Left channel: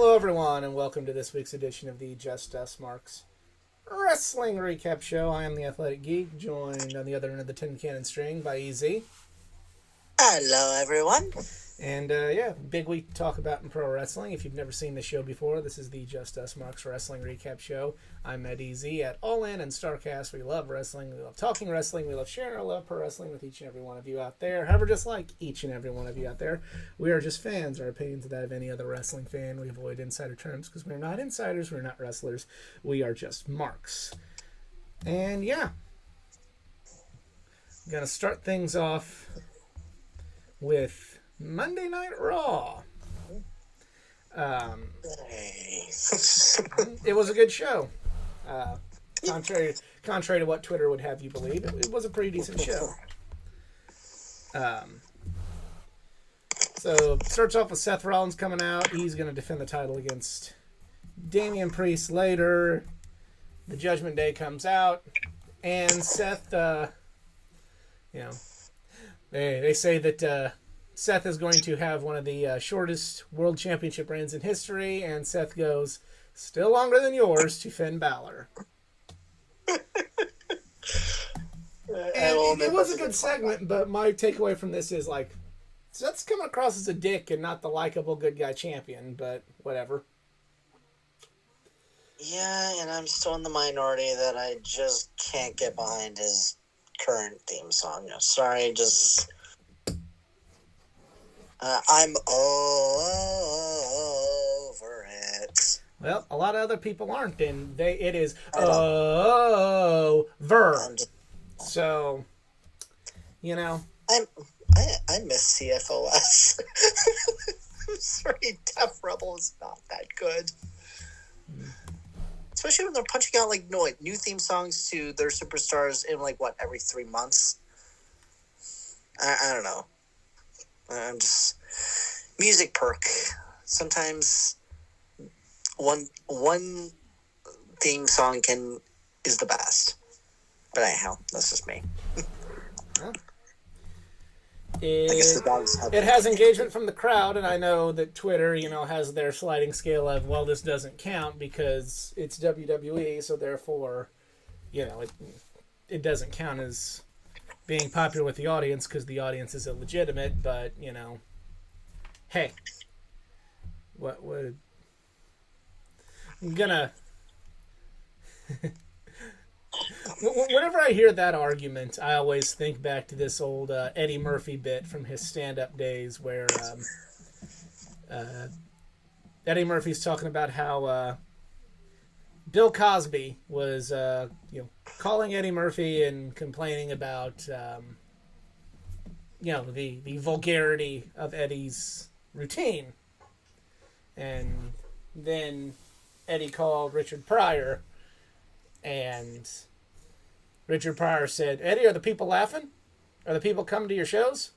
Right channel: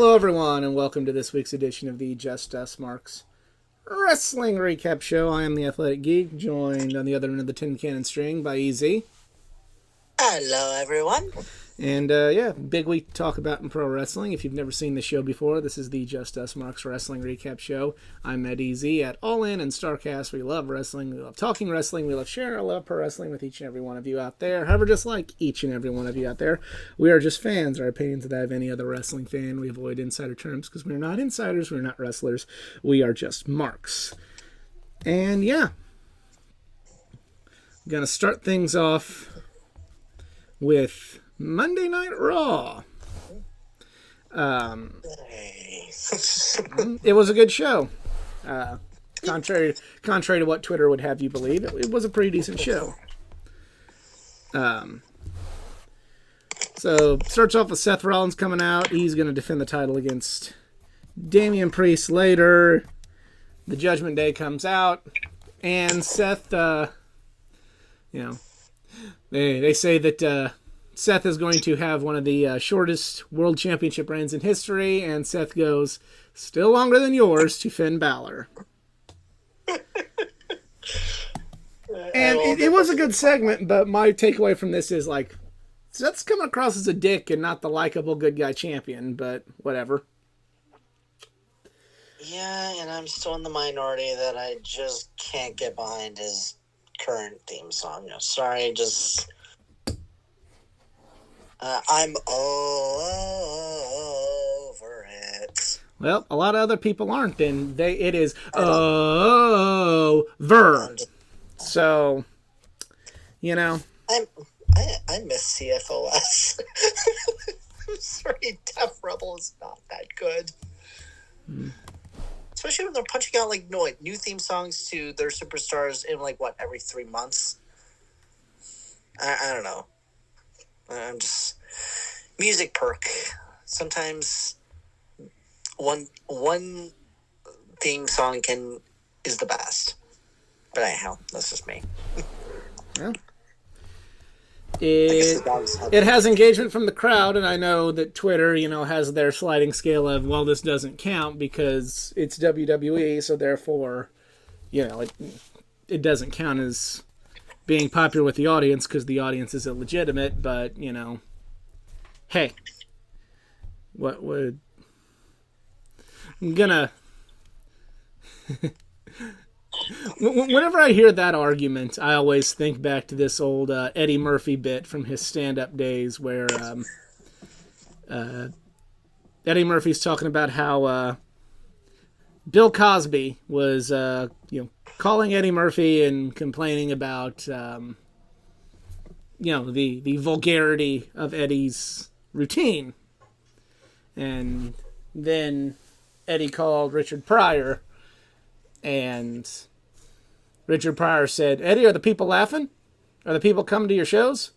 Hello, everyone, and welcome to this week's edition of the Just Us Marks Wrestling Recap Show. I am the Athletic Geek, joined on the other end of the tin cannon string by EZ. Hello, everyone. And big week to talk about in pro wrestling. If you've never seen the show before, this is the Just Us Marks Wrestling Recap Show. I'm at EZ at All In and Starcast. We love wrestling. We love talking wrestling. We love sharing our love for wrestling with each and every one of you out there. However, just like each and every one of you out there, we are just fans. Our opinions are that of any other wrestling fan. We avoid insider terms because we're not insiders. We're not wrestlers. We are just marks. And yeah, I'm going to start things off with Monday Night Raw. It was a good show. Contrary to what Twitter would have you believe, it was a pretty decent show. So starts off with Seth Rollins coming out. He's going to defend the title against Damian Priest later. The Judgment Day comes out, and Seth, they say that Seth is going to have one of the shortest world championship reigns in history, and Seth goes, still longer than yours, to Finn Balor. And it was a good segment, but my takeaway from this is, like, Seth's coming across as a dick and not the likable good guy champion, but whatever. Yeah, and I'm still in the minority that I just can't get behind his current theme song. Sorry, just... I'm over it. Well, a lot of other people aren't, and it is over. So, I miss CFOS. I'm sorry, Def Rebel is not that good. Especially when they're punching out new theme songs to their superstars in every 3 months. I don't know. I'm just music perk. Sometimes one theme song is the best. But anyhow, that's just me. Well, it has engagement from the crowd, and I know that Twitter, has their sliding scale of, well, this doesn't count because it's WWE, so therefore, it doesn't count as being popular with the audience because the audience is illegitimate, but, hey, what would... I'm gonna... Whenever I hear that argument, I always think back to this old Eddie Murphy bit from his stand-up days where Eddie Murphy's talking about how Bill Cosby was, calling Eddie Murphy and complaining about, the vulgarity of Eddie's routine. And then Eddie called Richard Pryor, and Richard Pryor said, Eddie, are the people laughing? Are the people coming to your shows?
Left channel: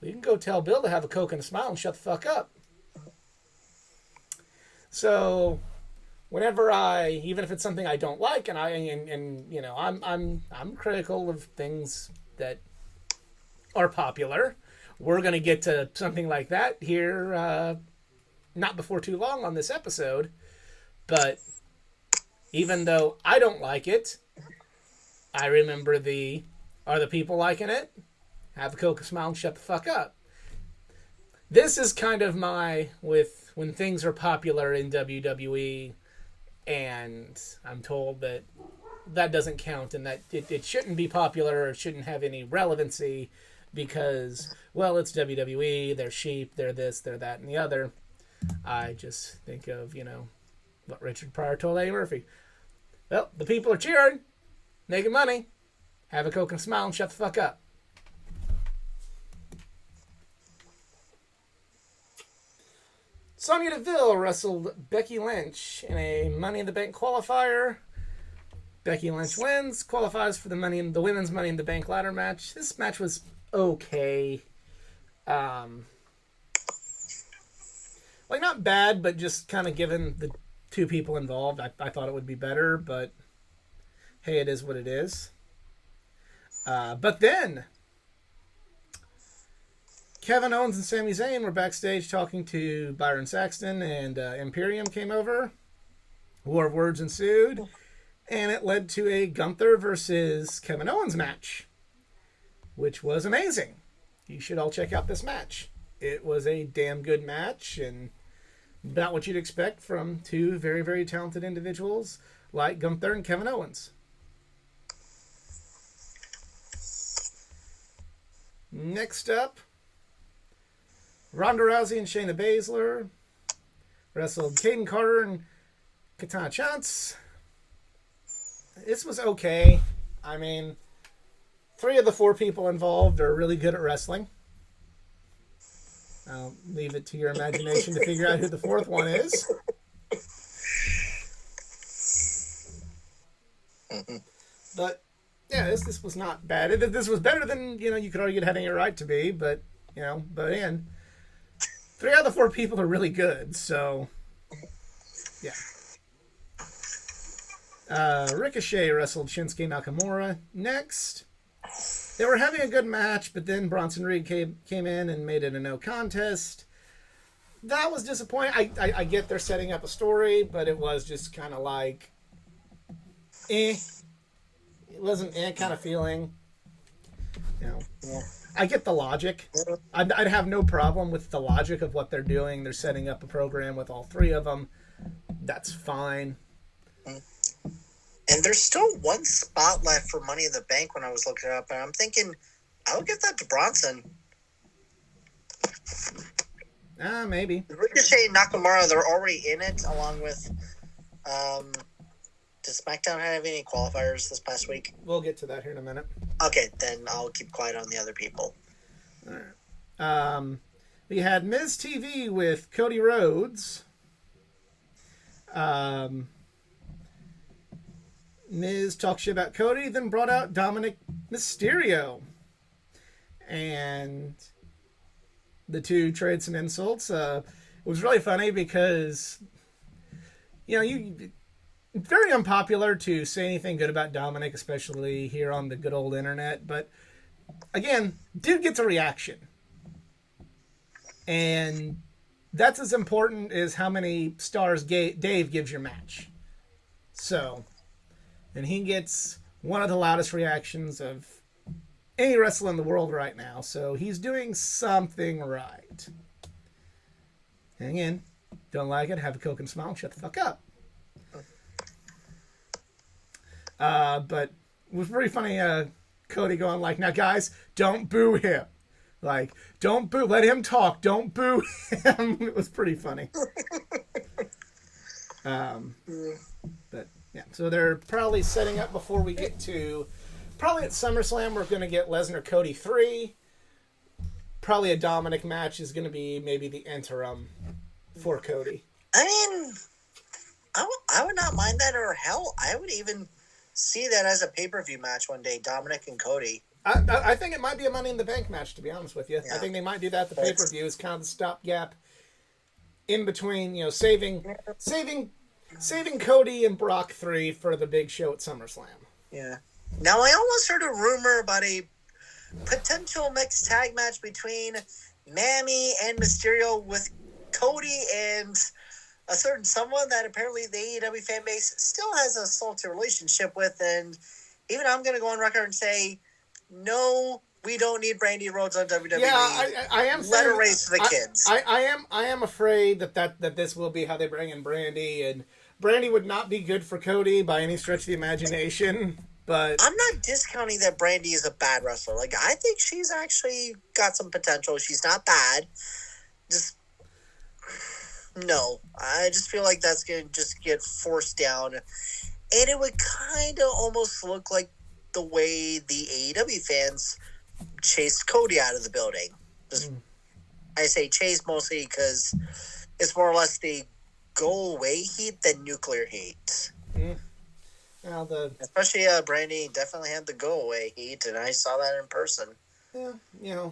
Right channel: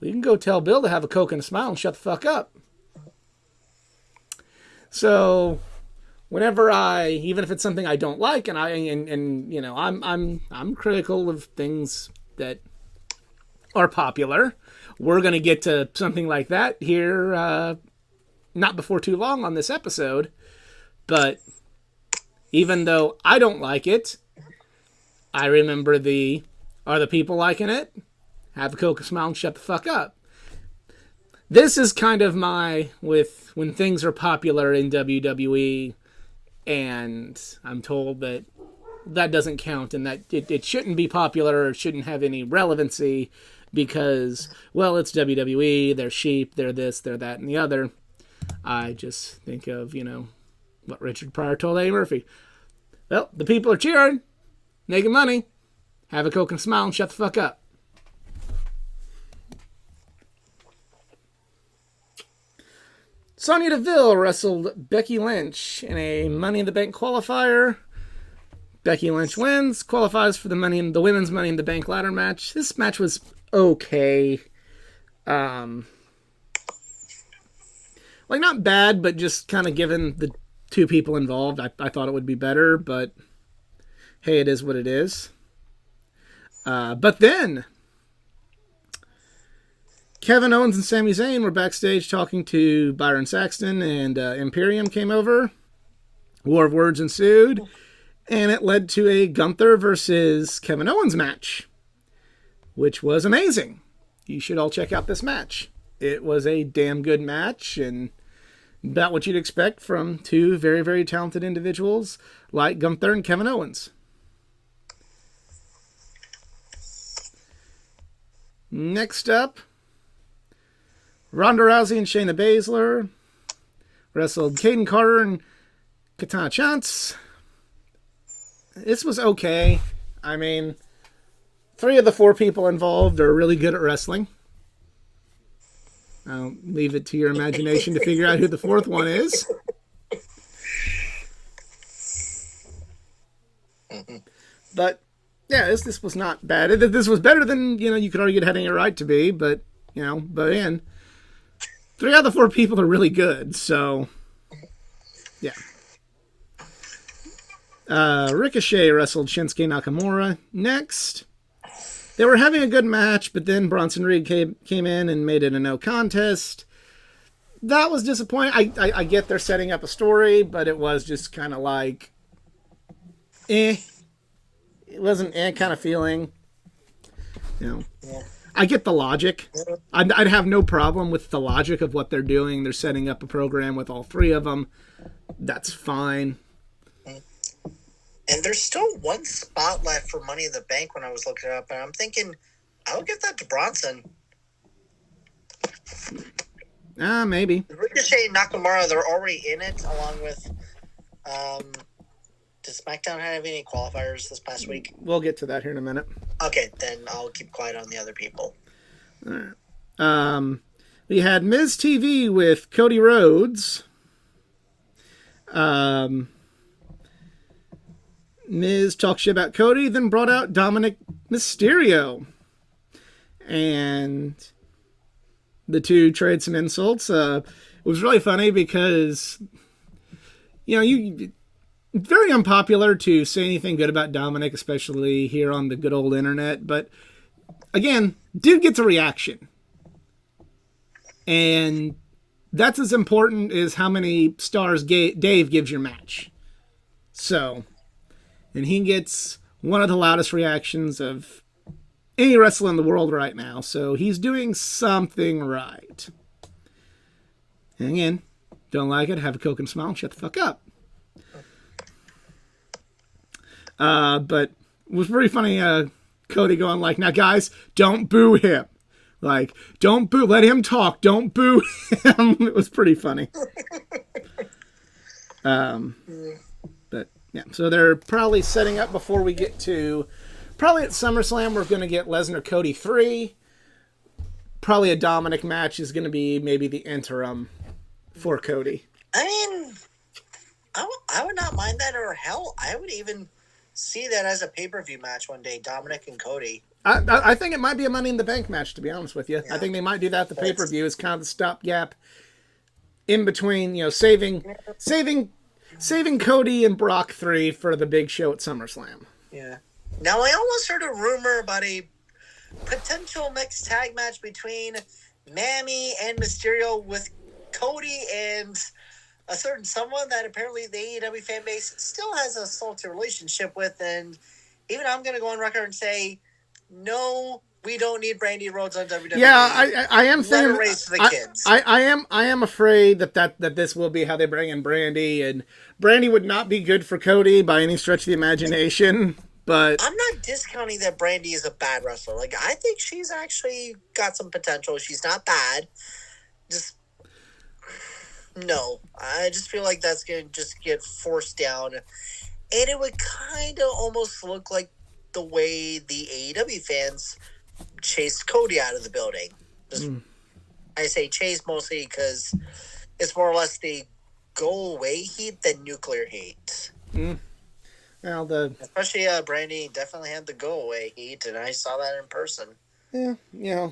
Well, you can go tell Bill to have a Coke and a smile and shut the fuck up. So... whenever even if it's something I don't like, and I'm critical of things that are popular, we're gonna get to something like that here, not before too long on this episode. But even though I don't like it, I remember are the people liking it? Have a Coke, smile, and shut the fuck up. This is kind of with when things are popular in WWE. And I'm told that doesn't count and that it shouldn't be popular or shouldn't have any relevancy because, well, it's WWE, they're sheep, they're this, they're that, and the other. I just think of, what Richard Pryor told Eddie Murphy. Well, the people are cheering, making money, have a Coke and smile and shut the fuck up. Sonya Deville wrestled Becky Lynch in a Money in the Bank qualifier. Becky Lynch wins, qualifies for the women's Money in the Bank ladder match. This match was okay. Not bad, but just kind of given the two people involved, I thought it would be better, but hey, it is what it is. But then Kevin Owens and Sami Zayn were backstage talking to Byron Saxton, and Imperium came over. War of words ensued, and it led to a Gunther versus Kevin Owens match, which was amazing. You should all check out this match. It was a damn good match, and about what you'd expect from two very, very talented individuals like Gunther and Kevin Owens. Next up, Ronda Rousey and Shayna Baszler wrestled Caden Carter and Katana Chance. This was okay. I mean, 3 of the 4 people involved are really good at wrestling. I'll leave it to your imagination to figure out who the 4th one is. But yeah, this was not bad. This was better than, you could argue it had any right to be, but again, 3 out of the 4 people are really good, so yeah. Ricochet wrestled Shinsuke Nakamura next. They were having a good match, but then Bronson Reed came in and made it a no contest. That was disappointing. I get they're setting up a story, but it was just kind of like, It wasn't kind of feeling. Yeah. I get the logic. I'd have no problem with the logic of what they're doing. They're setting up a program with all 3 of them. That's fine. And there's still 1 spot left for Money in the Bank when I was looking it up, and I'm thinking, I would give that to Bronson. Maybe. Ricochet and Nakamura, they're already in it, along with, does SmackDown have any qualifiers this past week? We'll get to that here in a minute. Okay, then I'll keep quiet on the other people. All right. We had Miz TV with Cody Rhodes. Miz talked shit about Cody, then brought out Dominic Mysterio. And the 2 trade some insults. It was really funny because, very unpopular to say anything good about Dominic, especially here on the good old internet. But again, dude gets a reaction. And that's as important as how many stars Dave gives your match. So, and he gets one of the loudest reactions of any wrestler in the world right now. So he's doing something right. And again, don't like it, have a Coke and smile, and shut the fuck up. But it was pretty funny, Cody going like, now guys, don't boo him. Like, don't boo, let him talk, don't boo him. It was pretty funny. But yeah, so they're probably setting up before we get to, probably at SummerSlam, we're going to get Lesnar Cody 3. Probably a Dominic match is going to be maybe the interim for Cody. I mean, I would not mind that, or hell, I would even see that as a pay-per-view match one day, Dominic and Cody. I think it might be a Money in the Bank match, to be honest with you. Yeah. I think they might do that at the pay-per-view as kind of the stopgap in between, saving Cody and Brock 3 for the big show at SummerSlam. Yeah. Now, I almost heard a rumor about a potential mixed tag match between Mammy and Mysterio with Cody and a certain someone that apparently the AEW fan base still has a salty relationship with, and even I'm going to go on record and say, no, we don't need Brandy Rhodes on WWE. Yeah, I am saying. Let her race the kids. I am afraid that this will be how they bring in Brandy, and Brandy would not be good for Cody by any stretch of the imagination. But I'm not discounting that Brandy is a bad wrestler. Like, I think she's actually got some potential. She's not bad. No. I just feel like that's going to just get forced down. And it would kind of almost look like the way the AEW fans chased Cody out of the building. I say chase mostly because it's more or less the go away heat than nuclear heat. Well, especially Brandy definitely had the go away heat, and I saw that in person. Yeah,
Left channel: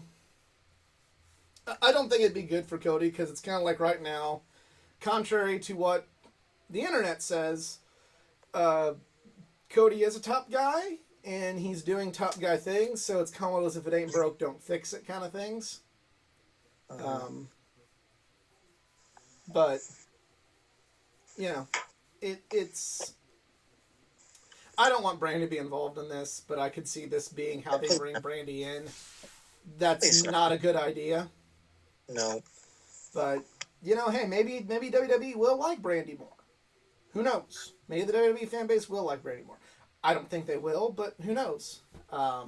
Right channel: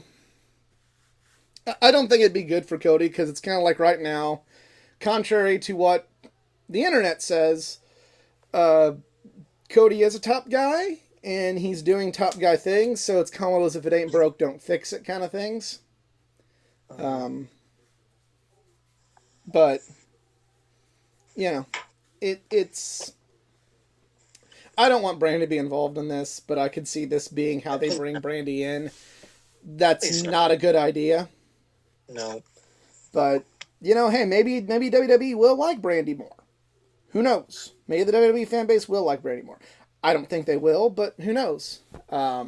I don't think it'd be good for Cody because it's kind of like right now, contrary to what the internet says, Cody is a top guy. And he's doing top guy things, so it's kind of as if it ain't broke, don't fix it kind of things. But you know, it's. I don't want Brandy to be involved in this, but I could see this being how they bring Brandy in. That's Please no. not a good idea. No. But hey, maybe WWE will like Brandy more. Who knows? Maybe the WWE fan base will like Brandy more. I don't think they will, but who knows? I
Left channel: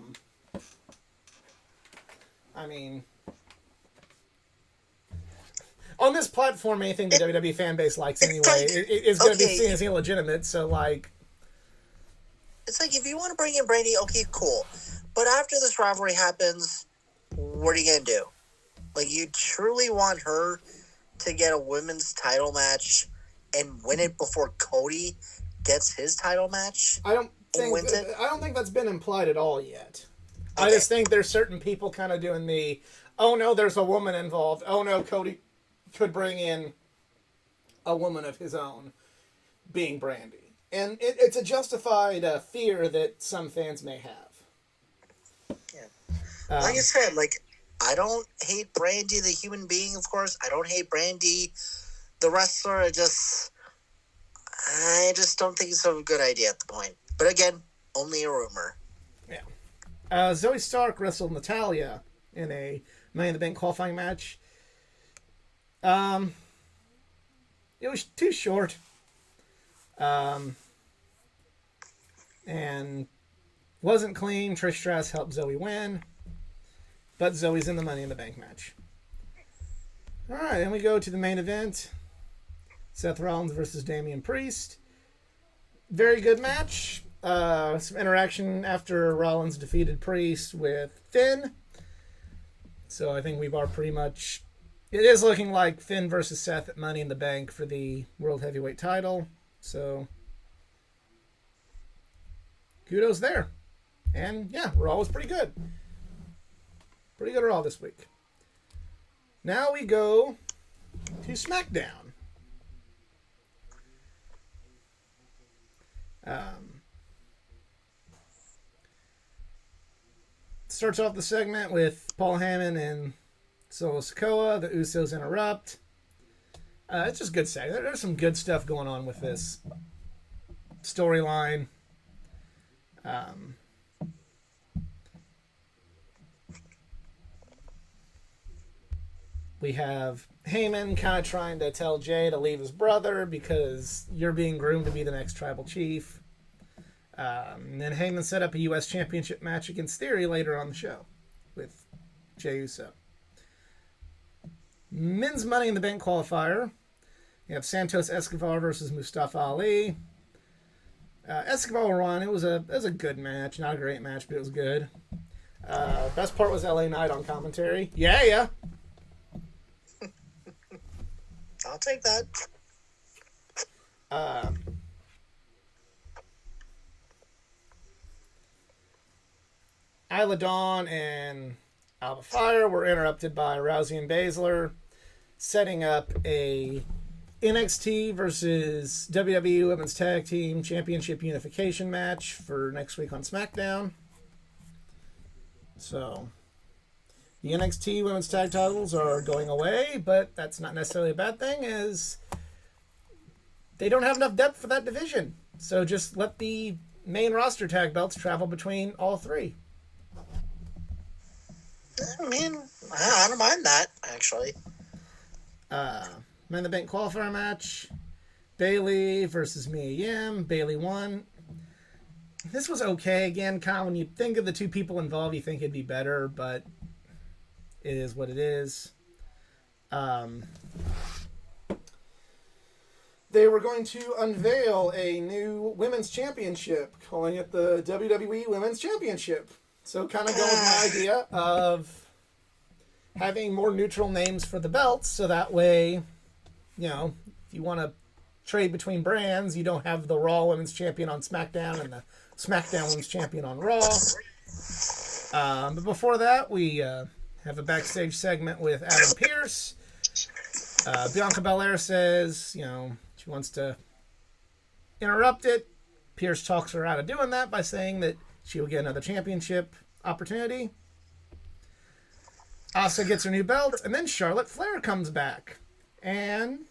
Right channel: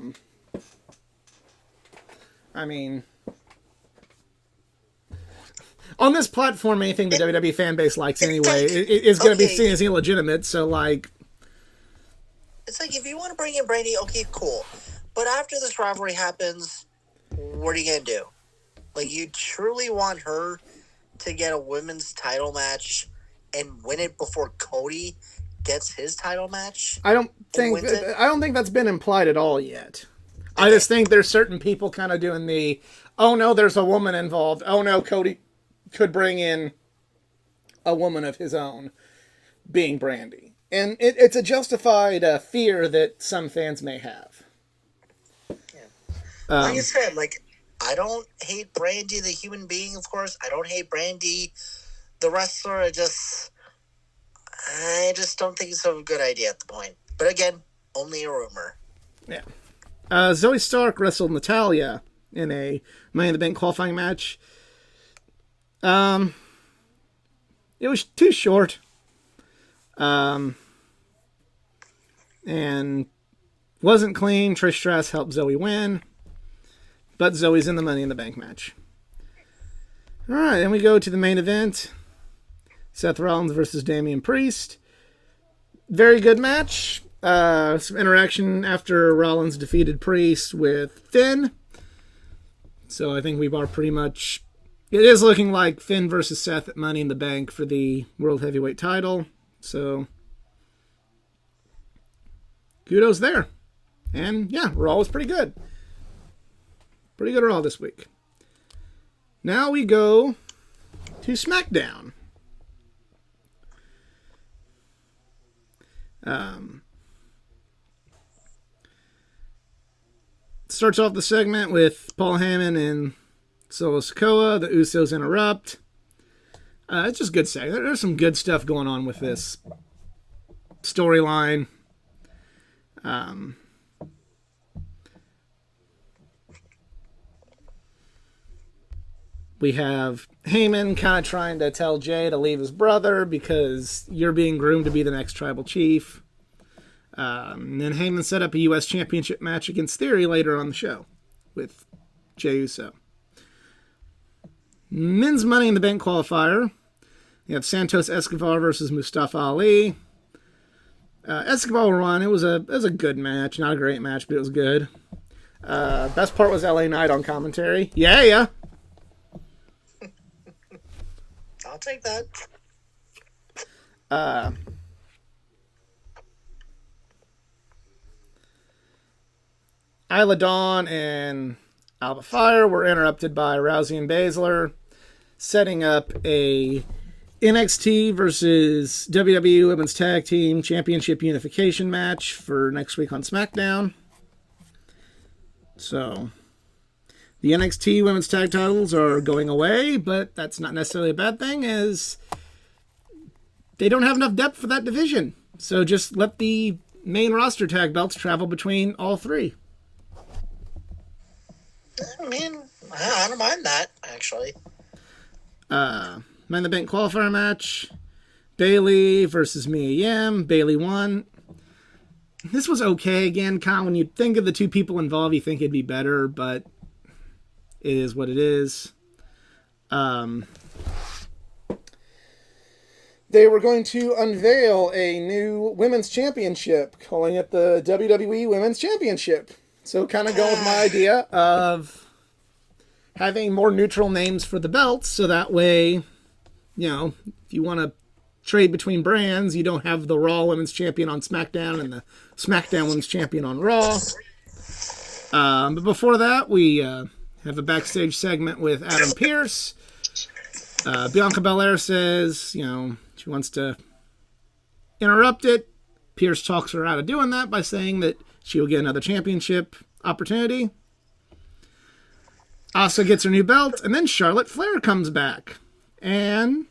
mean, on this platform, anything the WWE fan base likes anyway is going to be seen as illegitimate. So, like, it's like, if you want to bring in Brandy, okay, cool. But after this rivalry happens, what are you going to do? Like, you truly want her to get a women's title match and win it before Cody gets his title match? I don't think that's been implied at all yet. Okay. I just think there's certain people kind of doing the, oh no, there's a woman involved. Oh no, Cody could bring in a woman of his own, being Brandy. And it's a justified fear that some fans may have. Yeah. Like I said, I don't hate Brandy, the human being, of course. I don't hate Brandy, the wrestler. I just don't think it's a good idea at the point. But again, only a rumor. Yeah. Zoe Stark wrestled Natalya in a Money in the Bank qualifying match. It was too short. And wasn't clean. Trish Stratus helped Zoe win. But Zoe's in the Money in the Bank match. Alright, then we go to the main event. Seth Rollins versus Damian Priest. Very good match. Some interaction after Rollins defeated Priest with Finn. So I think we are pretty much... It is looking like Finn versus Seth at Money in the Bank for the World Heavyweight title. So... kudos there. And yeah, Raw was pretty good. Pretty good Raw this week. Now we go to SmackDown. Starts off the segment with Paul Heyman and Solo Sikoa. The Usos interrupt. It's just good segment. There's some good stuff going on with this storyline. We have Heyman kind of trying to tell Jay to leave his brother because you're being groomed to be the next tribal chief. And then Heyman set up a U.S. Championship match against Theory later on the show with Jey Uso. Men's Money in the Bank qualifier. You have Santos Escobar versus Mustafa Ali. Escobar won. It was a good match. Not a great match, but it was good. Best part was LA Knight on commentary. Yeah. I'll take that. Isla Dawn and Alba Fire were interrupted by Rousey and Baszler, setting up a NXT versus WWE Women's Tag Team Championship Unification match for next week on SmackDown. So, the NXT Women's Tag titles are going away, but that's not necessarily a bad thing, as they don't have enough depth for that division. So just let the main roster tag belts travel between all three. I mean, I don't mind that, actually. Man in the Bank qualifier match. Bayley versus Mia Yim. Bayley won. This was okay. Again, kind of when you think of the two people involved, you think it'd be better, but it is what it is. They were going to unveil a new women's championship, calling it the WWE Women's Championship. So kind of go with my idea of having more neutral names for the belts, so that way, if you want to trade between brands, you don't have the Raw Women's Champion on SmackDown and the SmackDown Women's Champion on Raw. But before that, we have a backstage segment with Adam Pearce. Bianca Belair says, she wants to interrupt it. Pearce talks her out of doing that by saying that she will get another championship opportunity. Asuka gets her new belt, and then Charlotte Flair comes back and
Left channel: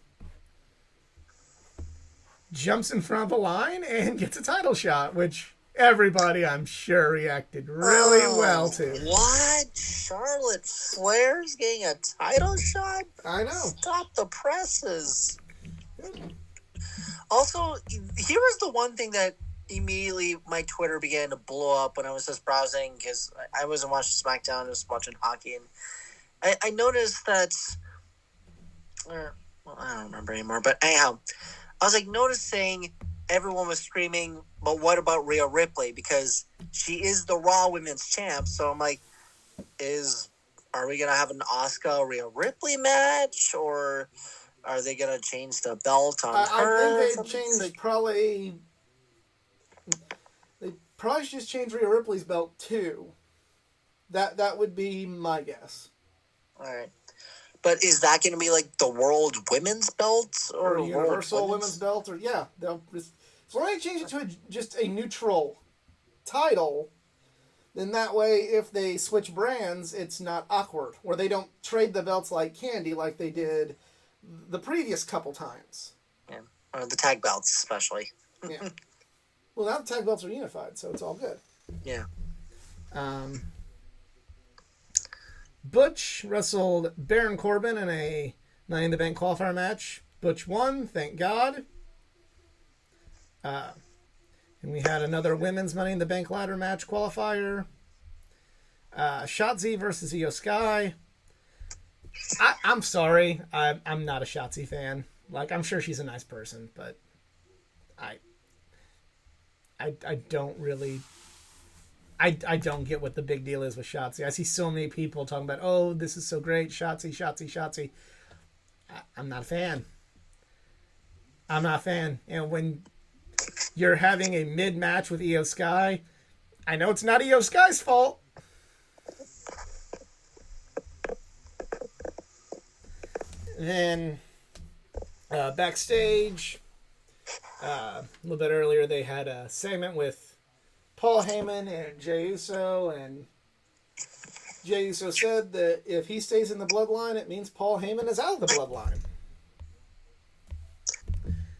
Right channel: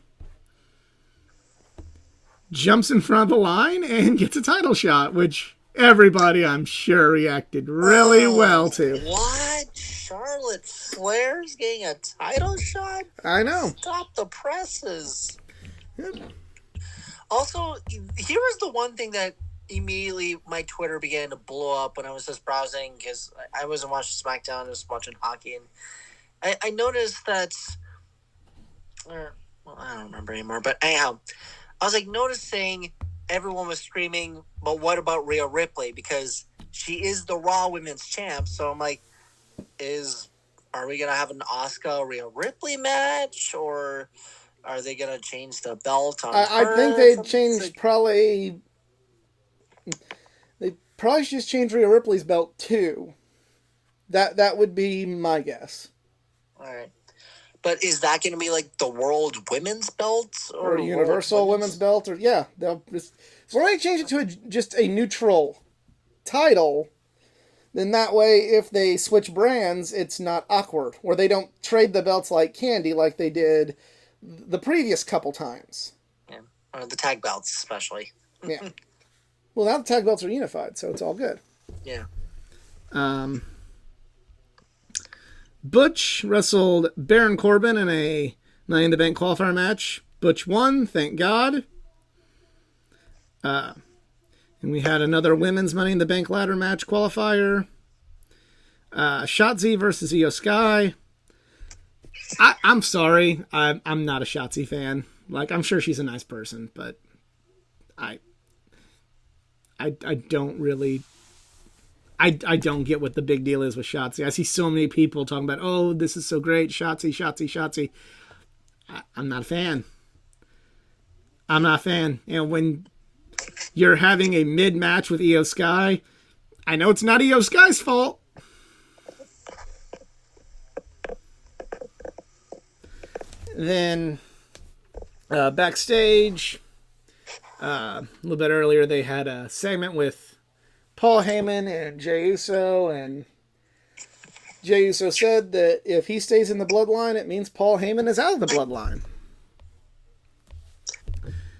jumps in front of the line and gets a title shot, which everybody, I'm sure, reacted really well to. What? Charlotte Flair's getting a title shot? I know. Stop the presses. Also, here was the one thing that immediately my Twitter began to blow up when I was just browsing, because I wasn't watching SmackDown, I was watching hockey, and I noticed that, well, I don't remember anymore, but anyhow, I was like noticing everyone was screaming, but what about Rhea Ripley? Because she is the Raw Women's Champ, so I'm like, are we going to have an Asuka Rhea Ripley match, or are they going to change the belt on her? I think they changed probably... They probably should just change Rhea Ripley's belt too. That would be my guess. All right. But is that going to be like the World Women's Belt? Or Universal Women's Belt? Or yeah. So when they change it to just a neutral title, then that way if they switch brands, it's not awkward. Or they don't trade the belts like candy like they did the previous couple times. Yeah. Or the tag belts especially. Yeah. Well, now the tag belts are unified, so it's all good. Yeah. Butch wrestled Baron Corbin in a Money in the Bank qualifier match. Butch won, thank God. And we had another women's Money in the Bank ladder match qualifier. Shotzi versus Io Sky. I'm sorry, I'm not a Shotzi fan. Like, I'm sure she's a nice person, but I don't really... I don't get what the big deal is with Shotzi. I see so many people talking about, oh, this is so great, Shotzi. I'm not a fan. I'm not a fan. You know, when you're having a mid-match with Io Sky, I know it's not Io Sky's fault. Then, backstage, a little bit earlier, they had a segment with Paul Heyman and Jey Uso, and Jey Uso said that if he stays in the bloodline, it means Paul Heyman is out of the bloodline.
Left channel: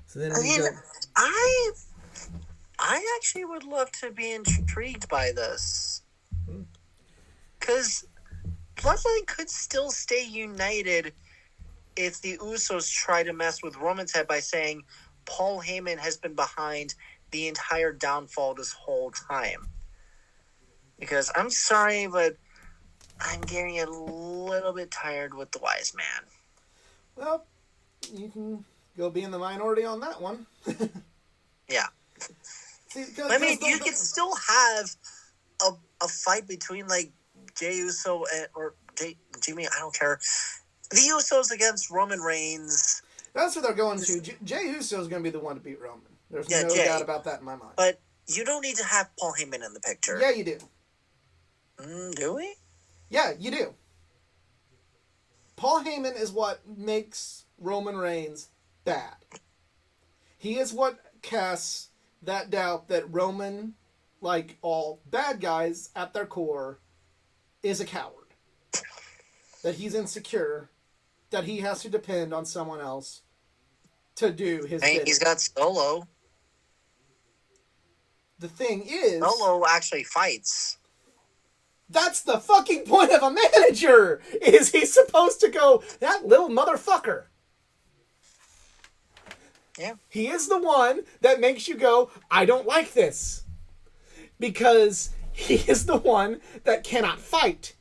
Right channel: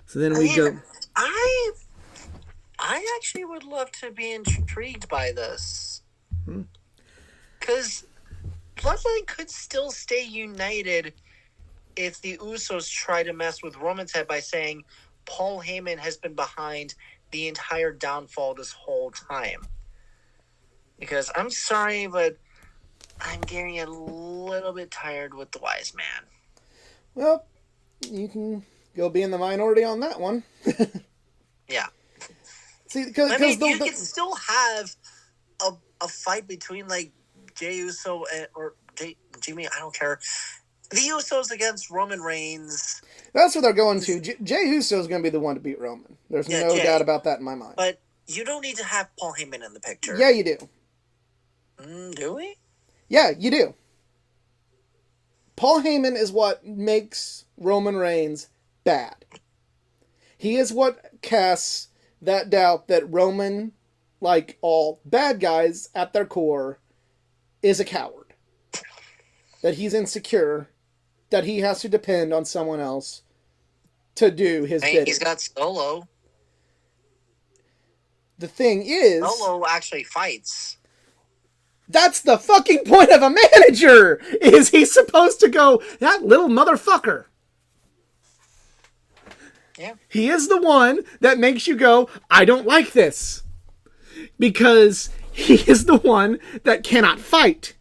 So then we go... I actually would love to be intrigued by this. Because Bloodline could still stay united if the Usos try to mess with Roman's head by saying Paul Heyman has been behind the entire downfall this whole time. Because I'm sorry, but I'm getting a little bit tired with the Wise Man. Well, you can go be in the minority on that one. Yeah. See, you can still have a fight between like Jey Uso or Jimmy. I don't care. The Usos against Roman Reigns. That's what they're going to. Jey Uso is going to be the one to beat Roman. There's no doubt about that in my mind. But you don't need to have Paul Heyman in the picture. Yeah, you do. Do we? Yeah, you do. Paul Heyman is what makes Roman Reigns bad. He is what casts that doubt that Roman, like all bad guys at their core, is a coward. That he's insecure. That he has to depend on someone else to do his bidding. He's got Solo. The thing is... Solo actually fights. That's the fucking point of a manager! Is he's supposed to go, that little motherfucker. Yeah. He is the one that makes you go, I don't like this. Because he is the one that cannot fight.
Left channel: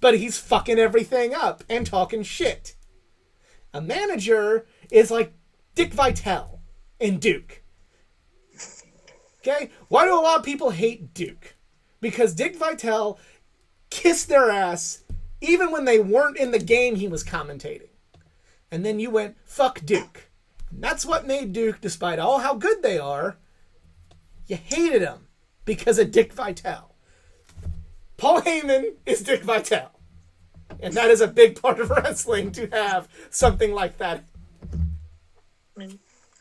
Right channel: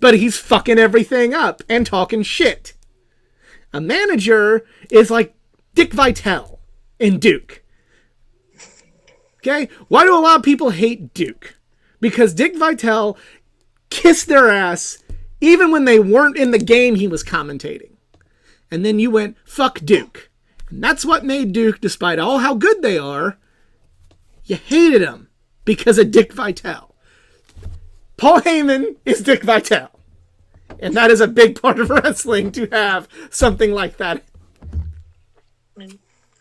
But he's fucking everything up and talking shit. A manager is like Dick Vitale in Duke. Okay? Why do a lot of people hate Duke? Because Dick Vitale kissed their ass even when they weren't in the game he was commentating. And then you went, fuck Duke. And that's what made Duke, despite all how good they are, you hated him because of Dick Vitale. Paul Heyman is Dick Vitale. And that is a big part of wrestling to have something like that.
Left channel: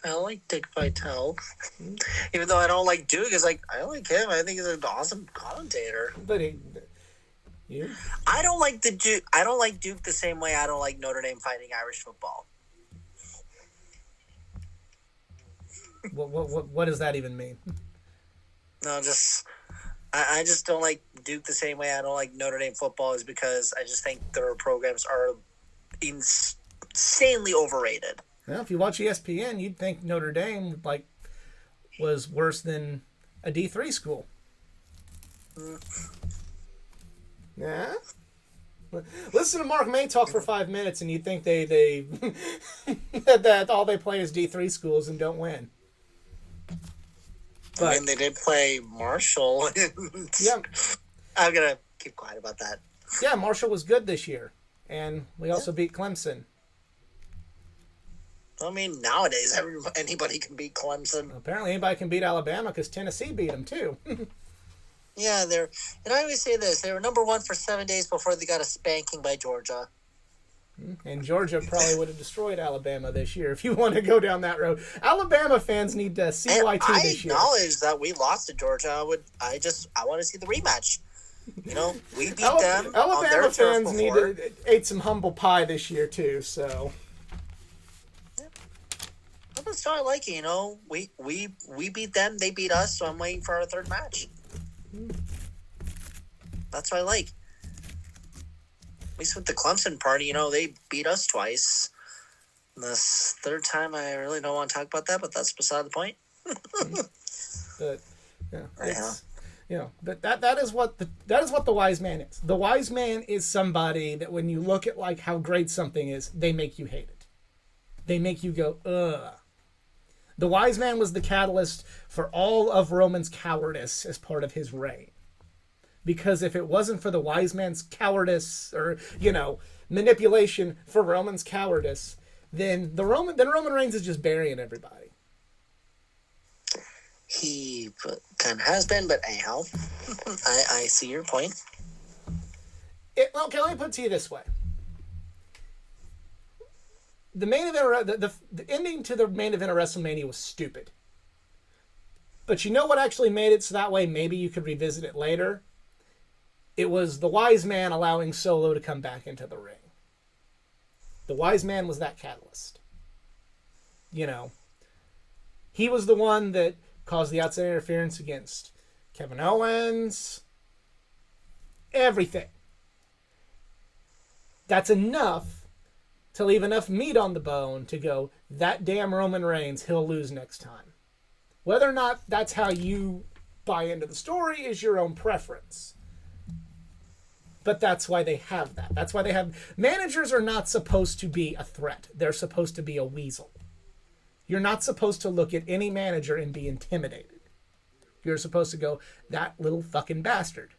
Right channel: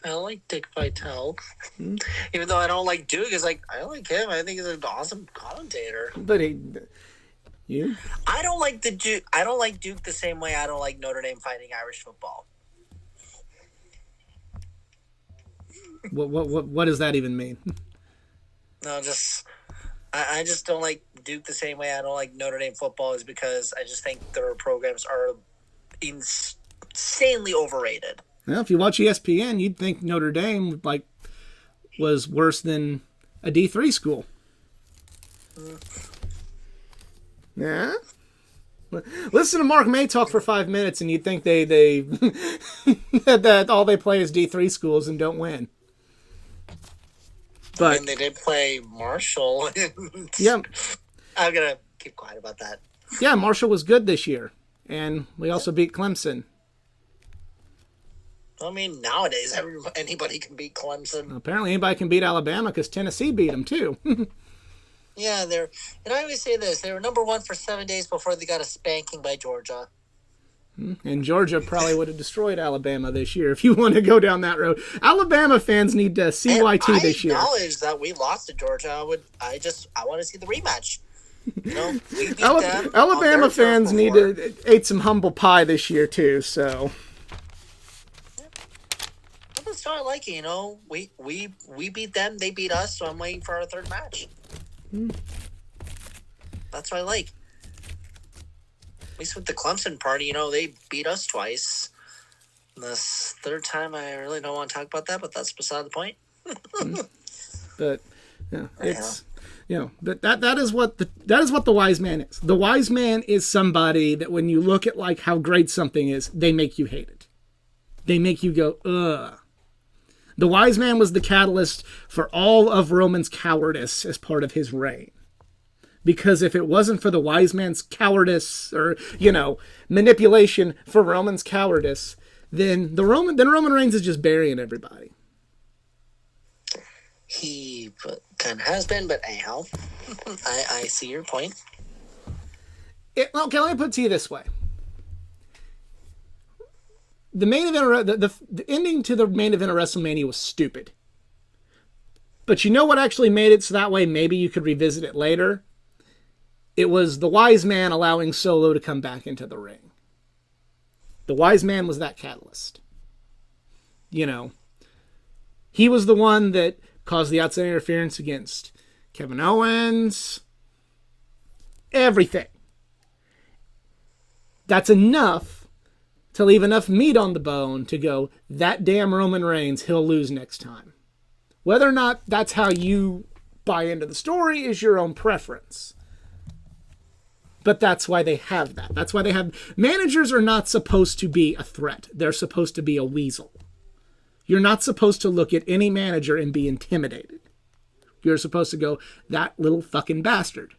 I like Dick Vitale. Even though I don't like Duke, it's like, I like him. I think he's an awesome commentator. But You? I don't like I don't like Duke the same way I don't like Notre Dame Fighting Irish football. What does that even mean? No, I just don't like Duke the same way I don't like Notre Dame football, is because I just think their programs are insanely overrated. Well, if you watch ESPN, you'd think Notre Dame was worse than a D3 school. Yeah. Listen to Mark May talk for 5 minutes, and you'd think they that all they play is D3 schools and don't win. But I mean, they did play Marshall. Yeah. I'm gonna keep quiet about that. Yeah, Marshall was good this year, and we also beat Clemson. I mean, nowadays anybody can beat Clemson. Apparently, anybody can beat Alabama because Tennessee beat them too. Yeah, and I always say this: they were number 1 for 7 days before they got a spanking by Georgia. And Georgia probably would have destroyed Alabama this year if you want to go down that road. Alabama fans need to CYT this year. I acknowledge that we lost to Georgia. I want to see the rematch. You know, we beat them. Alabama fans need to eat some humble pie this year too. So. That's what I like. You know, we beat them, they beat us. So I'm waiting for our third match. That's what I like. At least with the Clemson party, you know, they beat us twice. This third time, I really don't want to talk about that, but that's beside the point. But yeah, it's but that is what the wise man is. The wise man is somebody that when you look at like how great something is, they make you hate it. They make you go, ugh. The wise man was the catalyst for all of Roman's cowardice as part of his reign. Because if it wasn't for the wise man's cowardice or, manipulation for Roman's cowardice, then Roman Reigns is just burying everybody. He kind of has been, but anyhow, I see your point. Let me put it to you this way. The main event, the ending to the main event of WrestleMania was stupid. But you know what actually made it so that way maybe you could revisit it later? It was the wise man allowing Solo to come back into the ring. The wise man was that catalyst. He was the one that caused the outside interference against Kevin Owens. Everything. That's enough to leave enough meat on the bone to go, that damn Roman Reigns, he'll lose next time. Whether or not that's how you buy into the story is your own preference. But that's why they have that. That's why they have... Managers are not supposed to be a threat. They're supposed to be a weasel. You're not supposed to look at any manager and be intimidated. You're supposed to go, that little fucking bastard.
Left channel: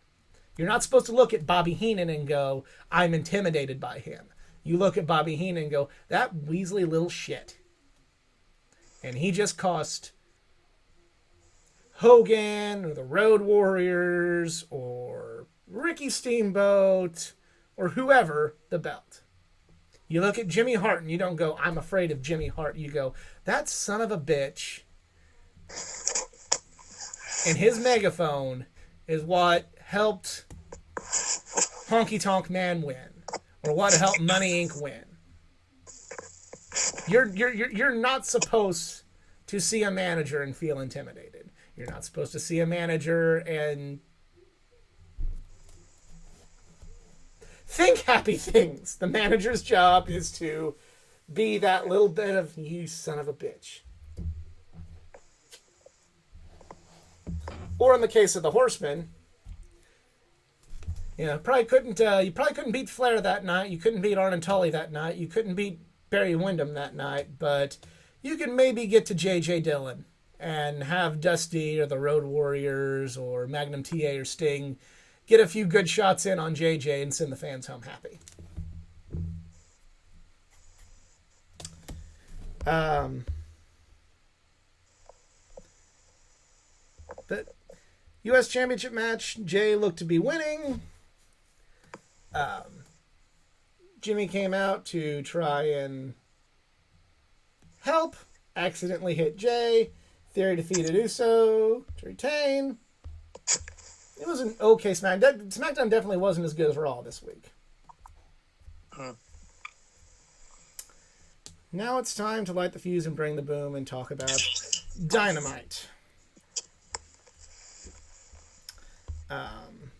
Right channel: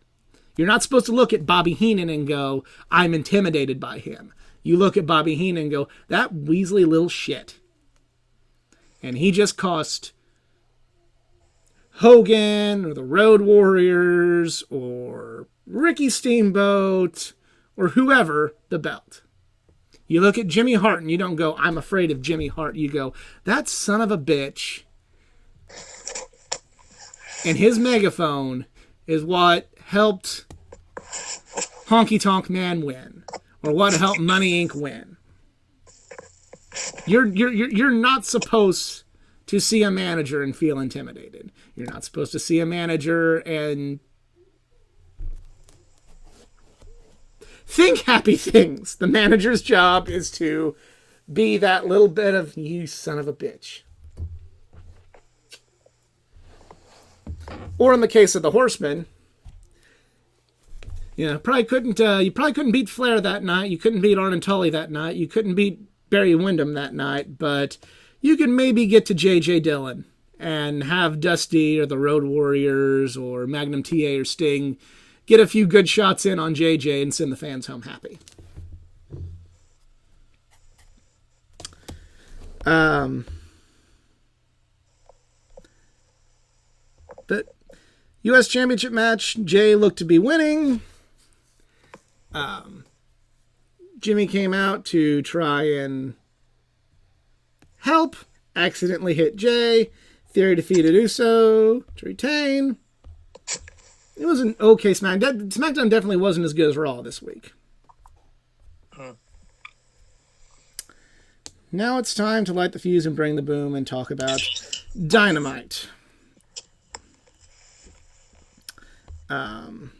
You're not supposed to look at Bobby Heenan and go, I'm intimidated by him. You look at Bobby Heenan and go, that Weasley little shit. And he just cost Hogan or the Road Warriors or Ricky Steamboat or whoever the belt. You look at Jimmy Hart and you don't go, I'm afraid of Jimmy Hart. You go, that son of a bitch and his megaphone is what helped Honky Tonk Man win, or what helped Money Inc. win. You're not supposed to see a manager and feel intimidated. You're not supposed to see a manager and think happy things. The manager's job is to be that little bit of, you son of a bitch. Or in the case of the Horsemen, you probably couldn't beat Flair that night. You couldn't beat Arn Tully that night. You couldn't beat Barry Windham that night, but you could maybe get to J.J. Dillon and have Dusty or the Road Warriors or Magnum TA or Sting get a few good shots in on JJ and send the fans home happy. But U.S. Championship match, Jay looked to be winning. Jimmy came out to try and help, accidentally hit Jay. Theory defeated Uso to retain. It was an okay SmackDown. SmackDown definitely wasn't as good as Raw this week. Now it's time to light the fuse and bring the boom and talk about Dynamite.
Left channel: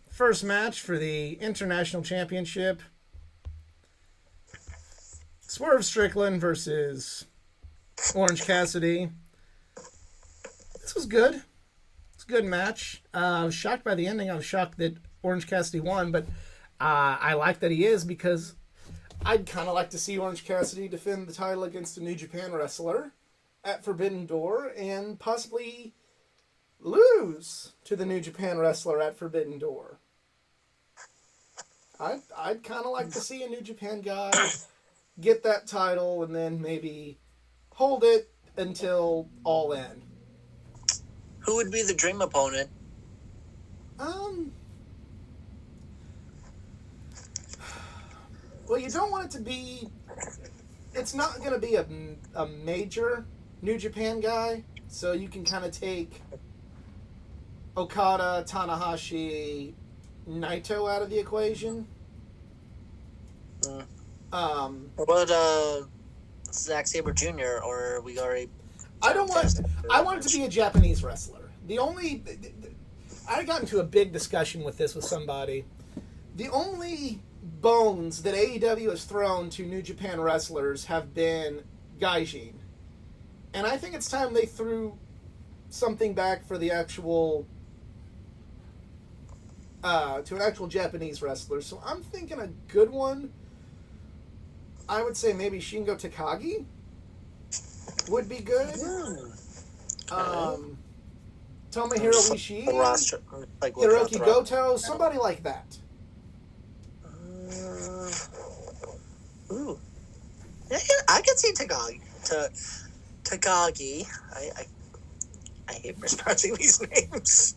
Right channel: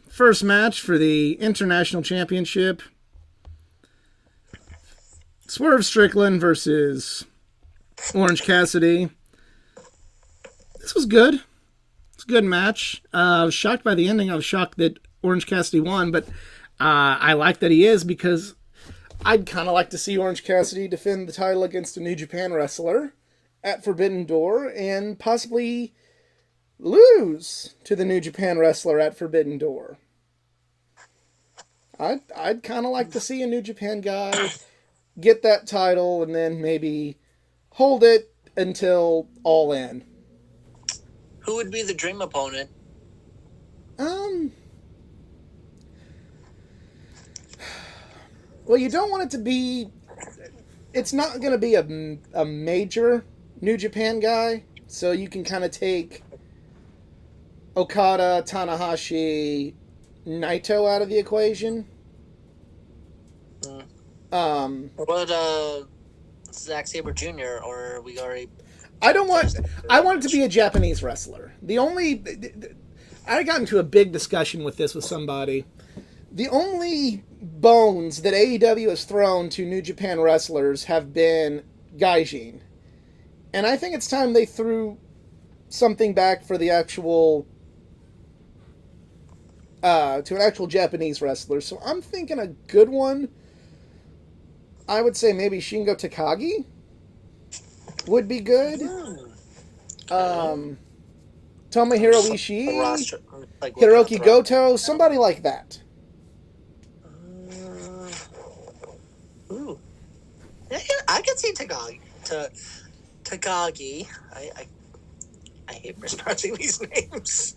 First match for the International Championship. Swerve Strickland versus Orange Cassidy. This was good. It's a good match. I was shocked by the ending. I was shocked that Orange Cassidy won, but I like that he is because I'd kind of like to see Orange Cassidy defend the title against a New Japan wrestler at Forbidden Door and possibly lose to the New Japan wrestler at Forbidden Door. I'd kind of like to see a New Japan guy get that title and then maybe hold it until All In. Who would be the dream opponent? Well, you don't want it to be. It's not going to be a major New Japan guy, so you can kind of take Okada, Tanahashi, Naito out of the equation. What about Zack Sabre Jr. or we already? I want it to be a Japanese wrestler. I got into a big discussion with this with somebody. The only bones that AEW has thrown to New Japan wrestlers have been gaijin. And I think it's time they threw something back for the actual to an actual Japanese wrestler. So I'm thinking a good one. I would say maybe Shingo Takagi would be good. Tomohiro Ishii, Hiroki Goto, somebody like that. Yeah, I could see Takagi. I hate mispronouncing these names.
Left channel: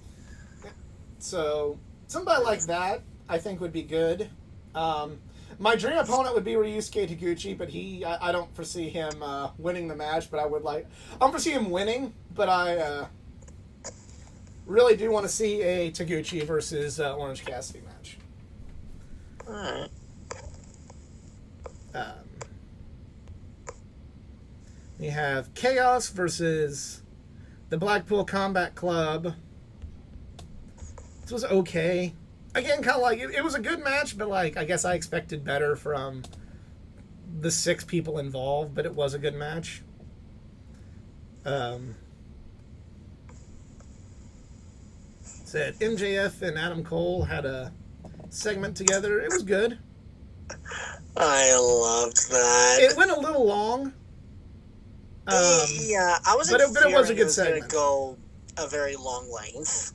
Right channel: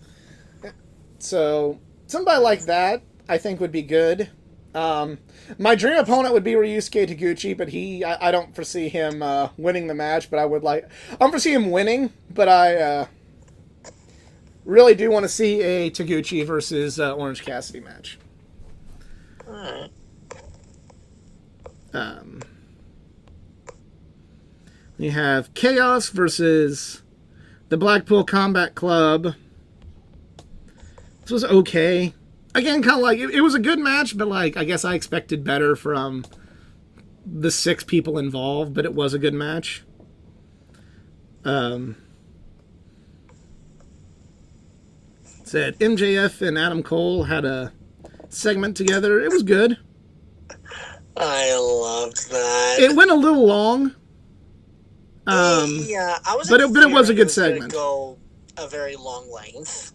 So somebody like that, I think, would be good. My dream opponent would be Ryusuke Taguchi, but I don't foresee him winning the match. But I don't foresee him winning. But I really do want to see a Taguchi versus Orange Cassidy match. All right. You have Chaos versus the Blackpool Combat Club. This was okay. Again, kind of like, it was a good match, but like, I guess I expected better from the 6 people involved, but it was a good match. Said MJF and Adam Cole had a segment together. It was good. I loved that. It went a little long. Yeah, I was. But it was a good segment. Go a very long length.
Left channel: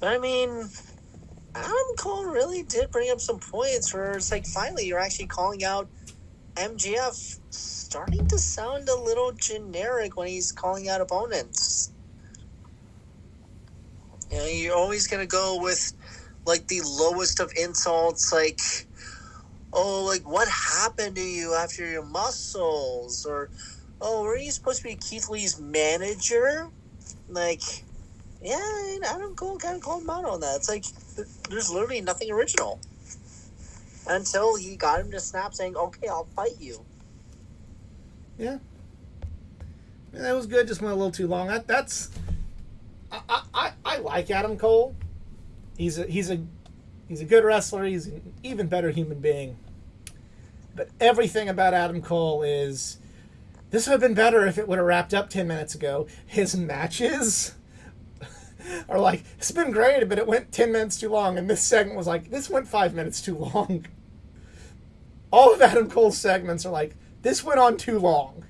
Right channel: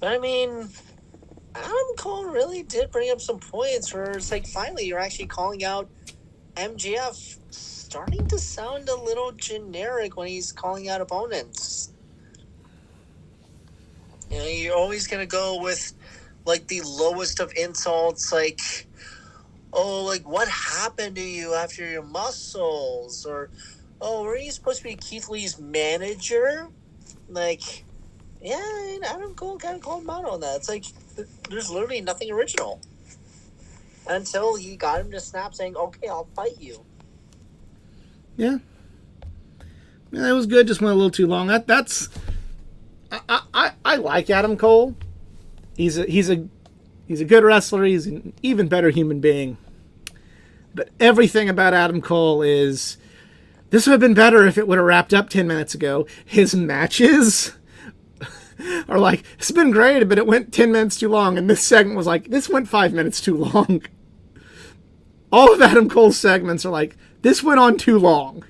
But I mean, Adam Cole really did bring up some points where it's like, finally, you're actually calling out MJF, starting to sound a little generic when he's calling out opponents. You know, you're always going to go with, like, the lowest of insults, like, oh, like, what happened to you after your muscles? Or, oh, were you supposed to be Keith Lee's manager? Like, yeah, and Adam Cole kind of called him out on that. It's like, there's literally nothing original. Until he got him to snap saying, okay, I'll fight you. Yeah. It was good, just went a little too long. I like Adam Cole. He's a good wrestler. He's an even better human being. But everything about Adam Cole is, this would have been better if it would have wrapped up 10 minutes ago. His matches are like, it's been great, but it went 10 minutes too long. And this segment was like, this went 5 minutes too long. All of Adam Cole's segments are like, this went on too long.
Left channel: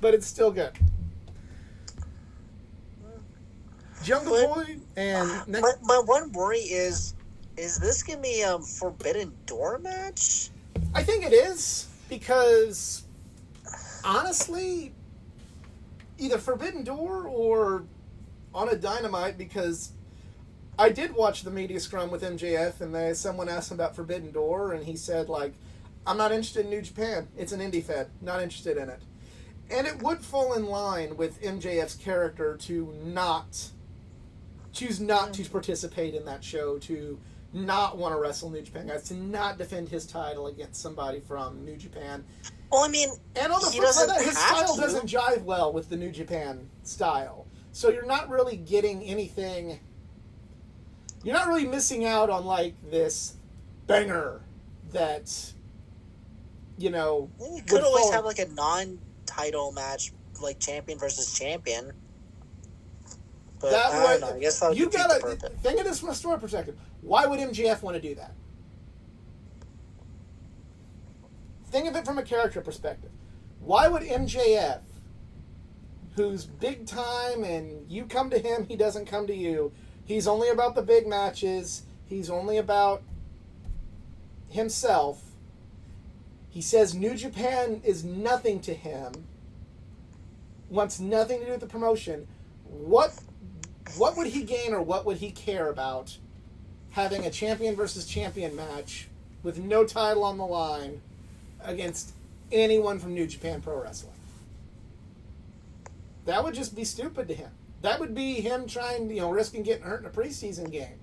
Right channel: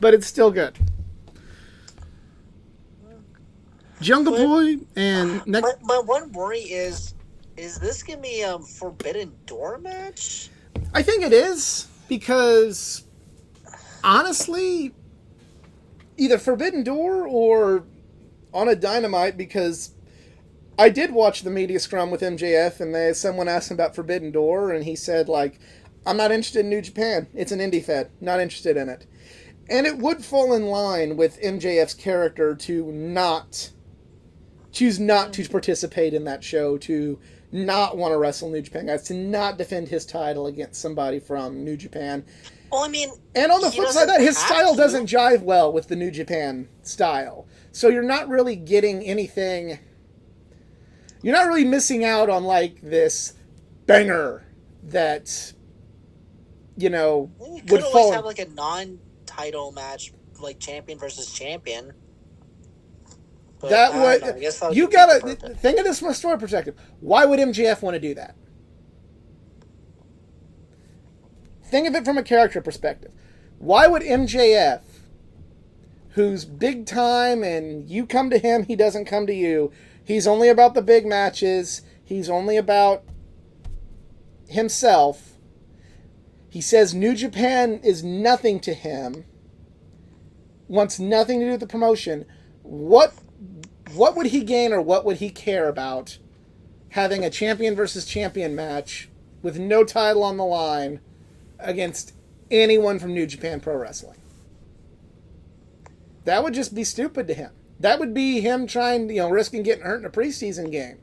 But it's still good. Jungle Boy and next. My one worry is this gonna be a Forbidden Door match? I think it is, because honestly, either Forbidden Door or on a Dynamite, because I did watch the media scrum with MJF, and someone asked him about Forbidden Door, and he said, like, I'm not interested in New Japan. It's an indie fed. Not interested in it. And it would fall in line with MJF's character to choose not to participate in that show, to not want to wrestle New Japan guys, to not defend his title against somebody from New Japan. Well, I mean, and on the flip side of that, his style doesn't jive well with the New Japan style. So you're not really getting anything. You're not really missing out on like this banger that, you know, you could always have like a non-title match, like champion versus champion. But that I would, don't know. I guess that would you gotta think of this from a story perspective. Why would MJF want to do that? Think of it from a character perspective. Why would MJF, who's big time and you come to him, he doesn't come to you, he's only about the big matches, he's only about himself, he says New Japan is nothing to him, wants nothing to do with the promotion, what would he gain or what would he care about having a champion versus champion match with no title on the line against anyone from New Japan Pro Wrestling? That would just be stupid to him. That would be him trying, risking getting hurt in a preseason game.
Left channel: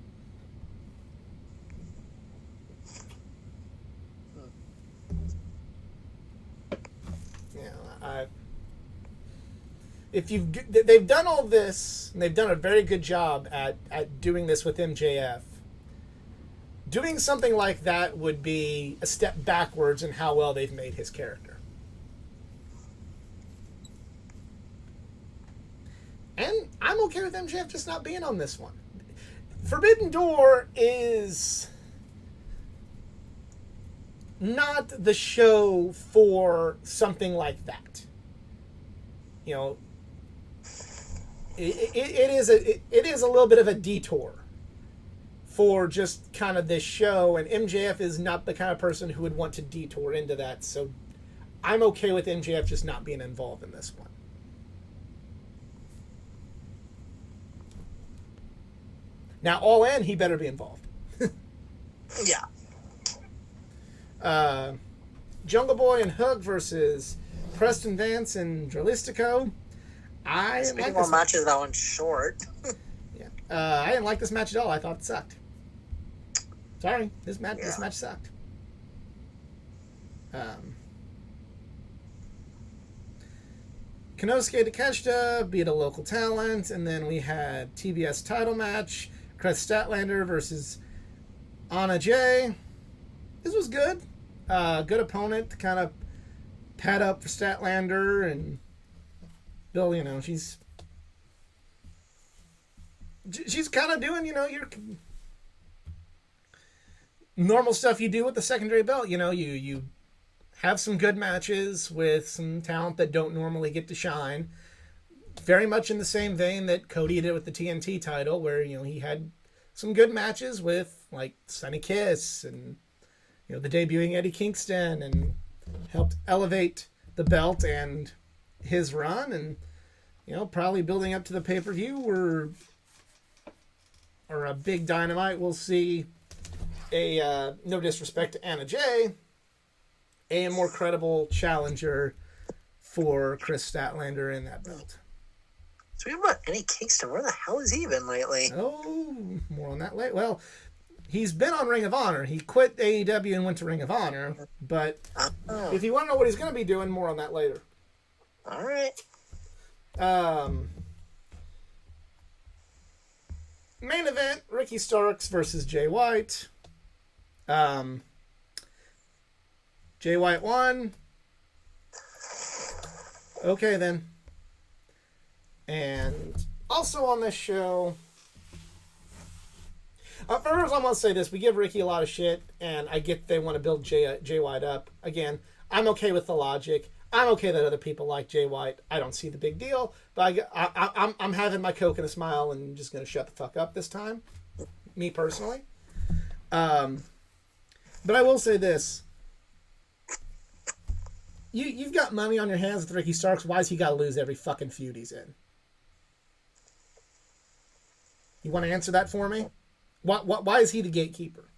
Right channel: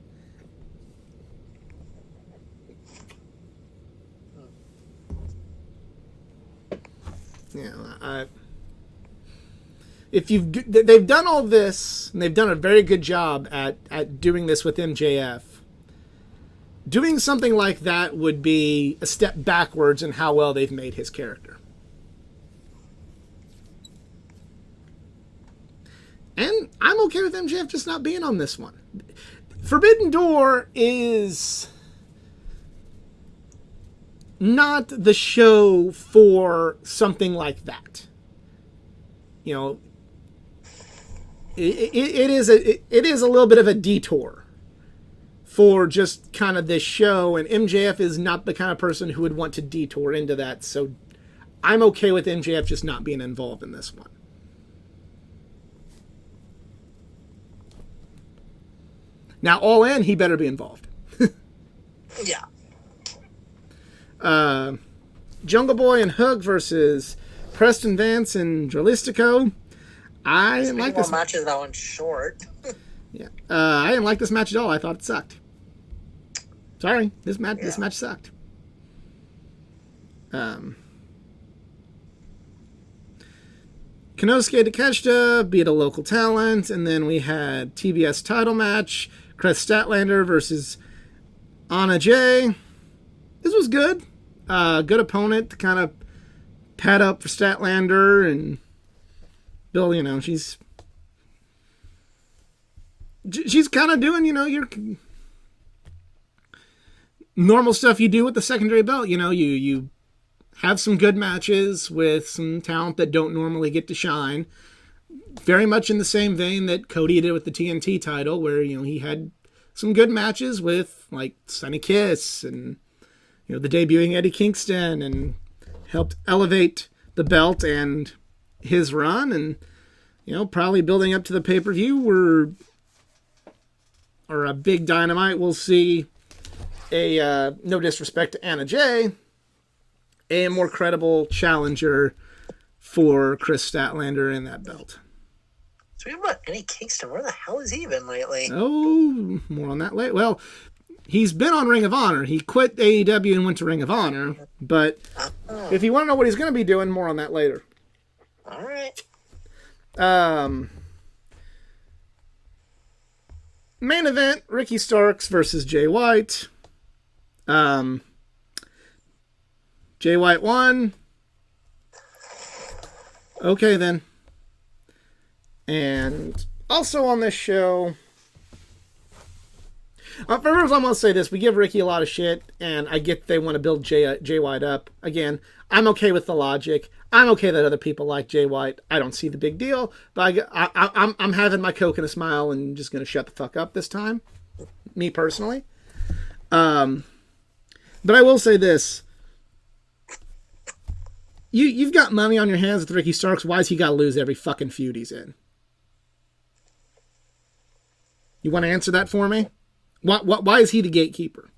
They've done all this, and they've done a very good job at doing this with MJF. Doing something like that would be a step backwards in how well they've made his character. And I'm okay with MJF just not being on this one. Forbidden Door is not the show for something like that. It is a little bit of a detour for just kind of this show, and MJF is not the kind of person who would want to detour into that, so I'm okay with MJF just not being involved in this one. Now, All In, he better be involved. Yeah. Jungle Boy and Hook versus Preston Vance and Dralistico. I didn't like this matches. That one's short. Yeah, I didn't like this match at all. I thought it sucked. Sorry, this match sucked. Konosuke Takeshita beat a local talent, and then we had TBS title match, Chris Statlander versus Anna Jay. This was good. Good opponent to kind of pad up for Statlander, and Bill, she's kind of doing, your normal stuff you do with the secondary belt. You have some good matches with some talent that don't normally get to shine. Very much in the same vein that Cody did with the TNT title, where, he had some good matches with, like, Sonny Kiss and, the debuting Eddie Kingston, and helped elevate the belt and his run, and, probably building up to the pay-per-view or a big Dynamite, we'll see a, no disrespect to Anna Jay, a more credible challenger for Chris Statlander in that belt. Speaking about Eddie Kingston, where the hell has he been lately? Oh, more on that later. Well, he's been on Ring of Honor. He quit AEW and went to Ring of Honor. But if you want to know what he's going to be doing, more on that later. All right. Main event, Ricky Starks versus Jay White. Jay White won. Okay, then. And also on this show, first I'm going to say this. We give Ricky a lot of shit, and I get they want to build Jay White up. Again, I'm okay with the logic. I'm okay that other people like Jay White. I don't see the big deal, but I'm having my Coke and a smile and just going to shut the fuck up this time. Me personally. But I will say this. You've got money on your hands with Ricky Starks. Why's he got to lose every fucking feud he's in? You want to answer that for me? Why is he the gatekeeper?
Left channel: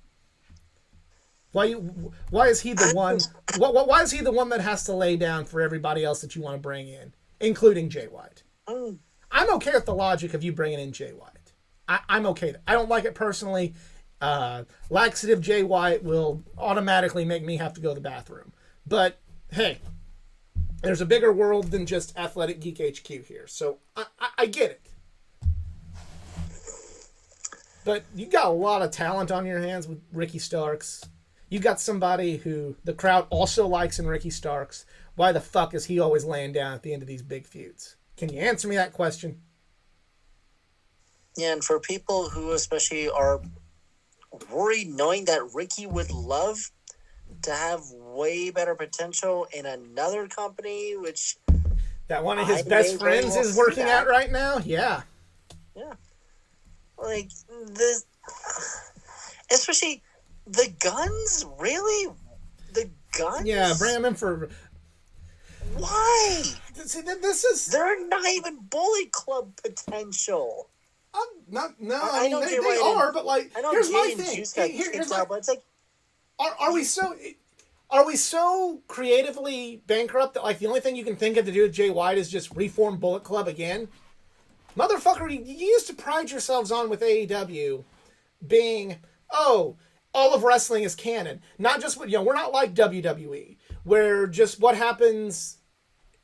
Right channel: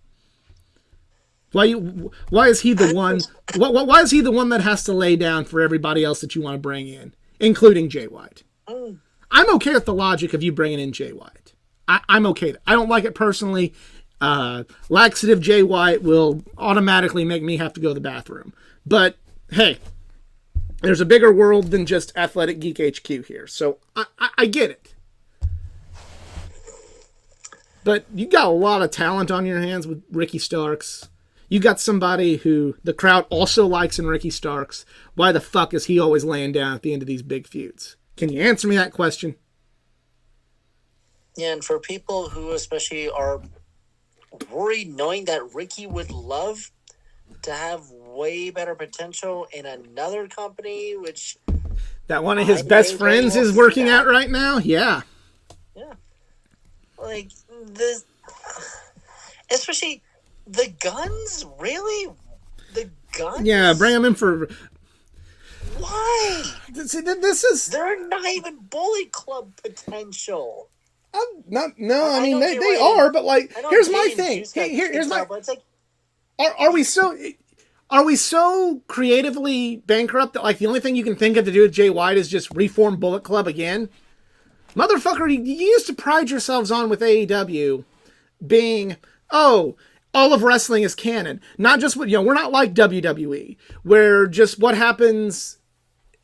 Why is he the one? Why is he the one that has to lay down for everybody else that you want to bring in, including Jay White? Mm. I'm okay with the logic of you bringing in Jay White. I'm okay. I don't like it personally. Laxative Jay White will automatically make me have to go to the bathroom. But hey, there's a bigger world than just Athletic Geek HQ here, so I get it. But you got a lot of talent on your hands with Ricky Starks. You got somebody who the crowd also likes in Ricky Starks. Why the fuck is he always laying down at the end of these big feuds? Can you answer me that question? Yeah, and for people who especially are worried knowing that Ricky would love to have way better potential in another company, which that one of his best friends is working at right now? Yeah. Yeah. Like, this, especially the Guns? Really? The Guns? Yeah, bring them in for... Why? See, this is... They're not even Bullet Club potential. I mean, they are, but like, here's my thing. Here's my... But it's like... Are we so creatively bankrupt that like the only thing you can think of to do with Jay White is just reform Bullet Club again? Motherfucker, you used to pride yourselves on with AEW being, oh, all of wrestling is canon. Not just, we're not like WWE, where just what happens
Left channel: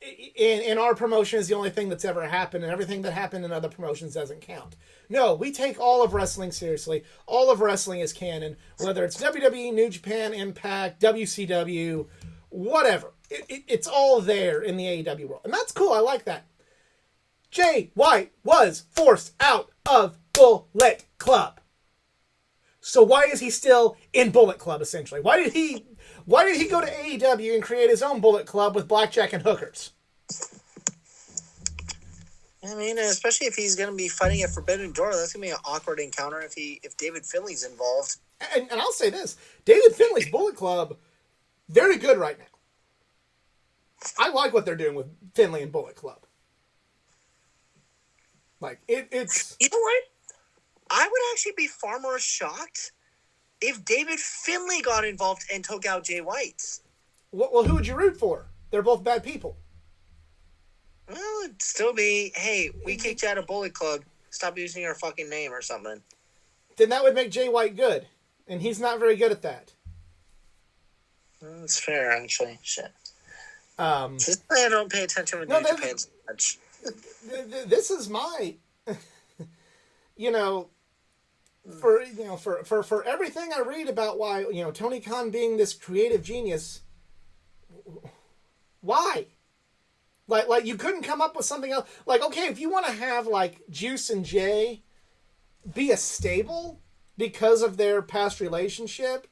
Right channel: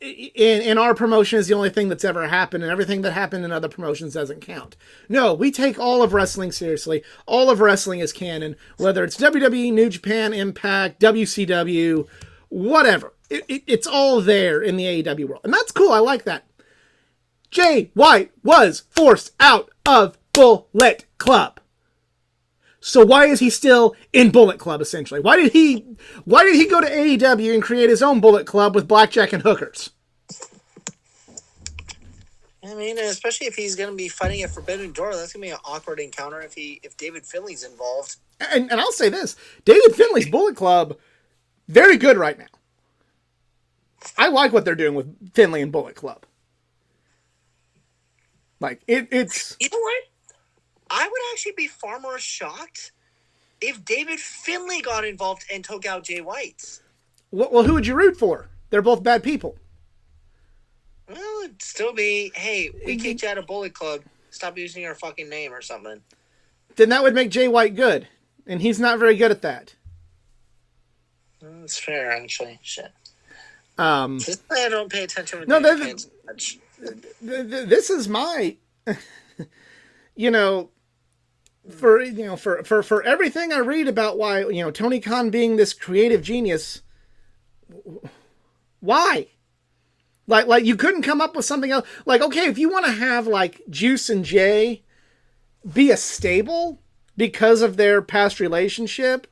in our promotion is the only thing that's ever happened, and everything that happened in other promotions doesn't count. No, we take all of wrestling seriously. All of wrestling is canon, whether it's WWE, New Japan, Impact, WCW, whatever. It's all there in the AEW world. And that's cool. I like that. Jay White was forced out of Bullet Club. So why is he still in Bullet Club, essentially? Why did he go to AEW and create his own Bullet Club with blackjack and hookers? I mean, especially if he's going to be fighting at Forbidden Door, that's going to be an awkward encounter if David Finlay's involved. And I'll say this, David Finlay's Bullet Club, very good right now. I like what they're doing with Finlay and Bullet Club. Like, it's... You know what? I would actually be far more shocked if David Finlay got involved and took out Jay White. Well, who would you root for? They're both bad people. Well, it'd still be, hey, we kicked you out of Bullet Club. Stop using your fucking name or something. Then that would make Jay White good. And he's not very good at that. That's fair, actually. Shit. I don't pay attention with New Japan so much. This is my... for everything I read about why, Tony Khan being this creative genius, why? Like you couldn't come up with something else. Like, okay, if you want to have like Juice and Jay be a stable because of their past relationship,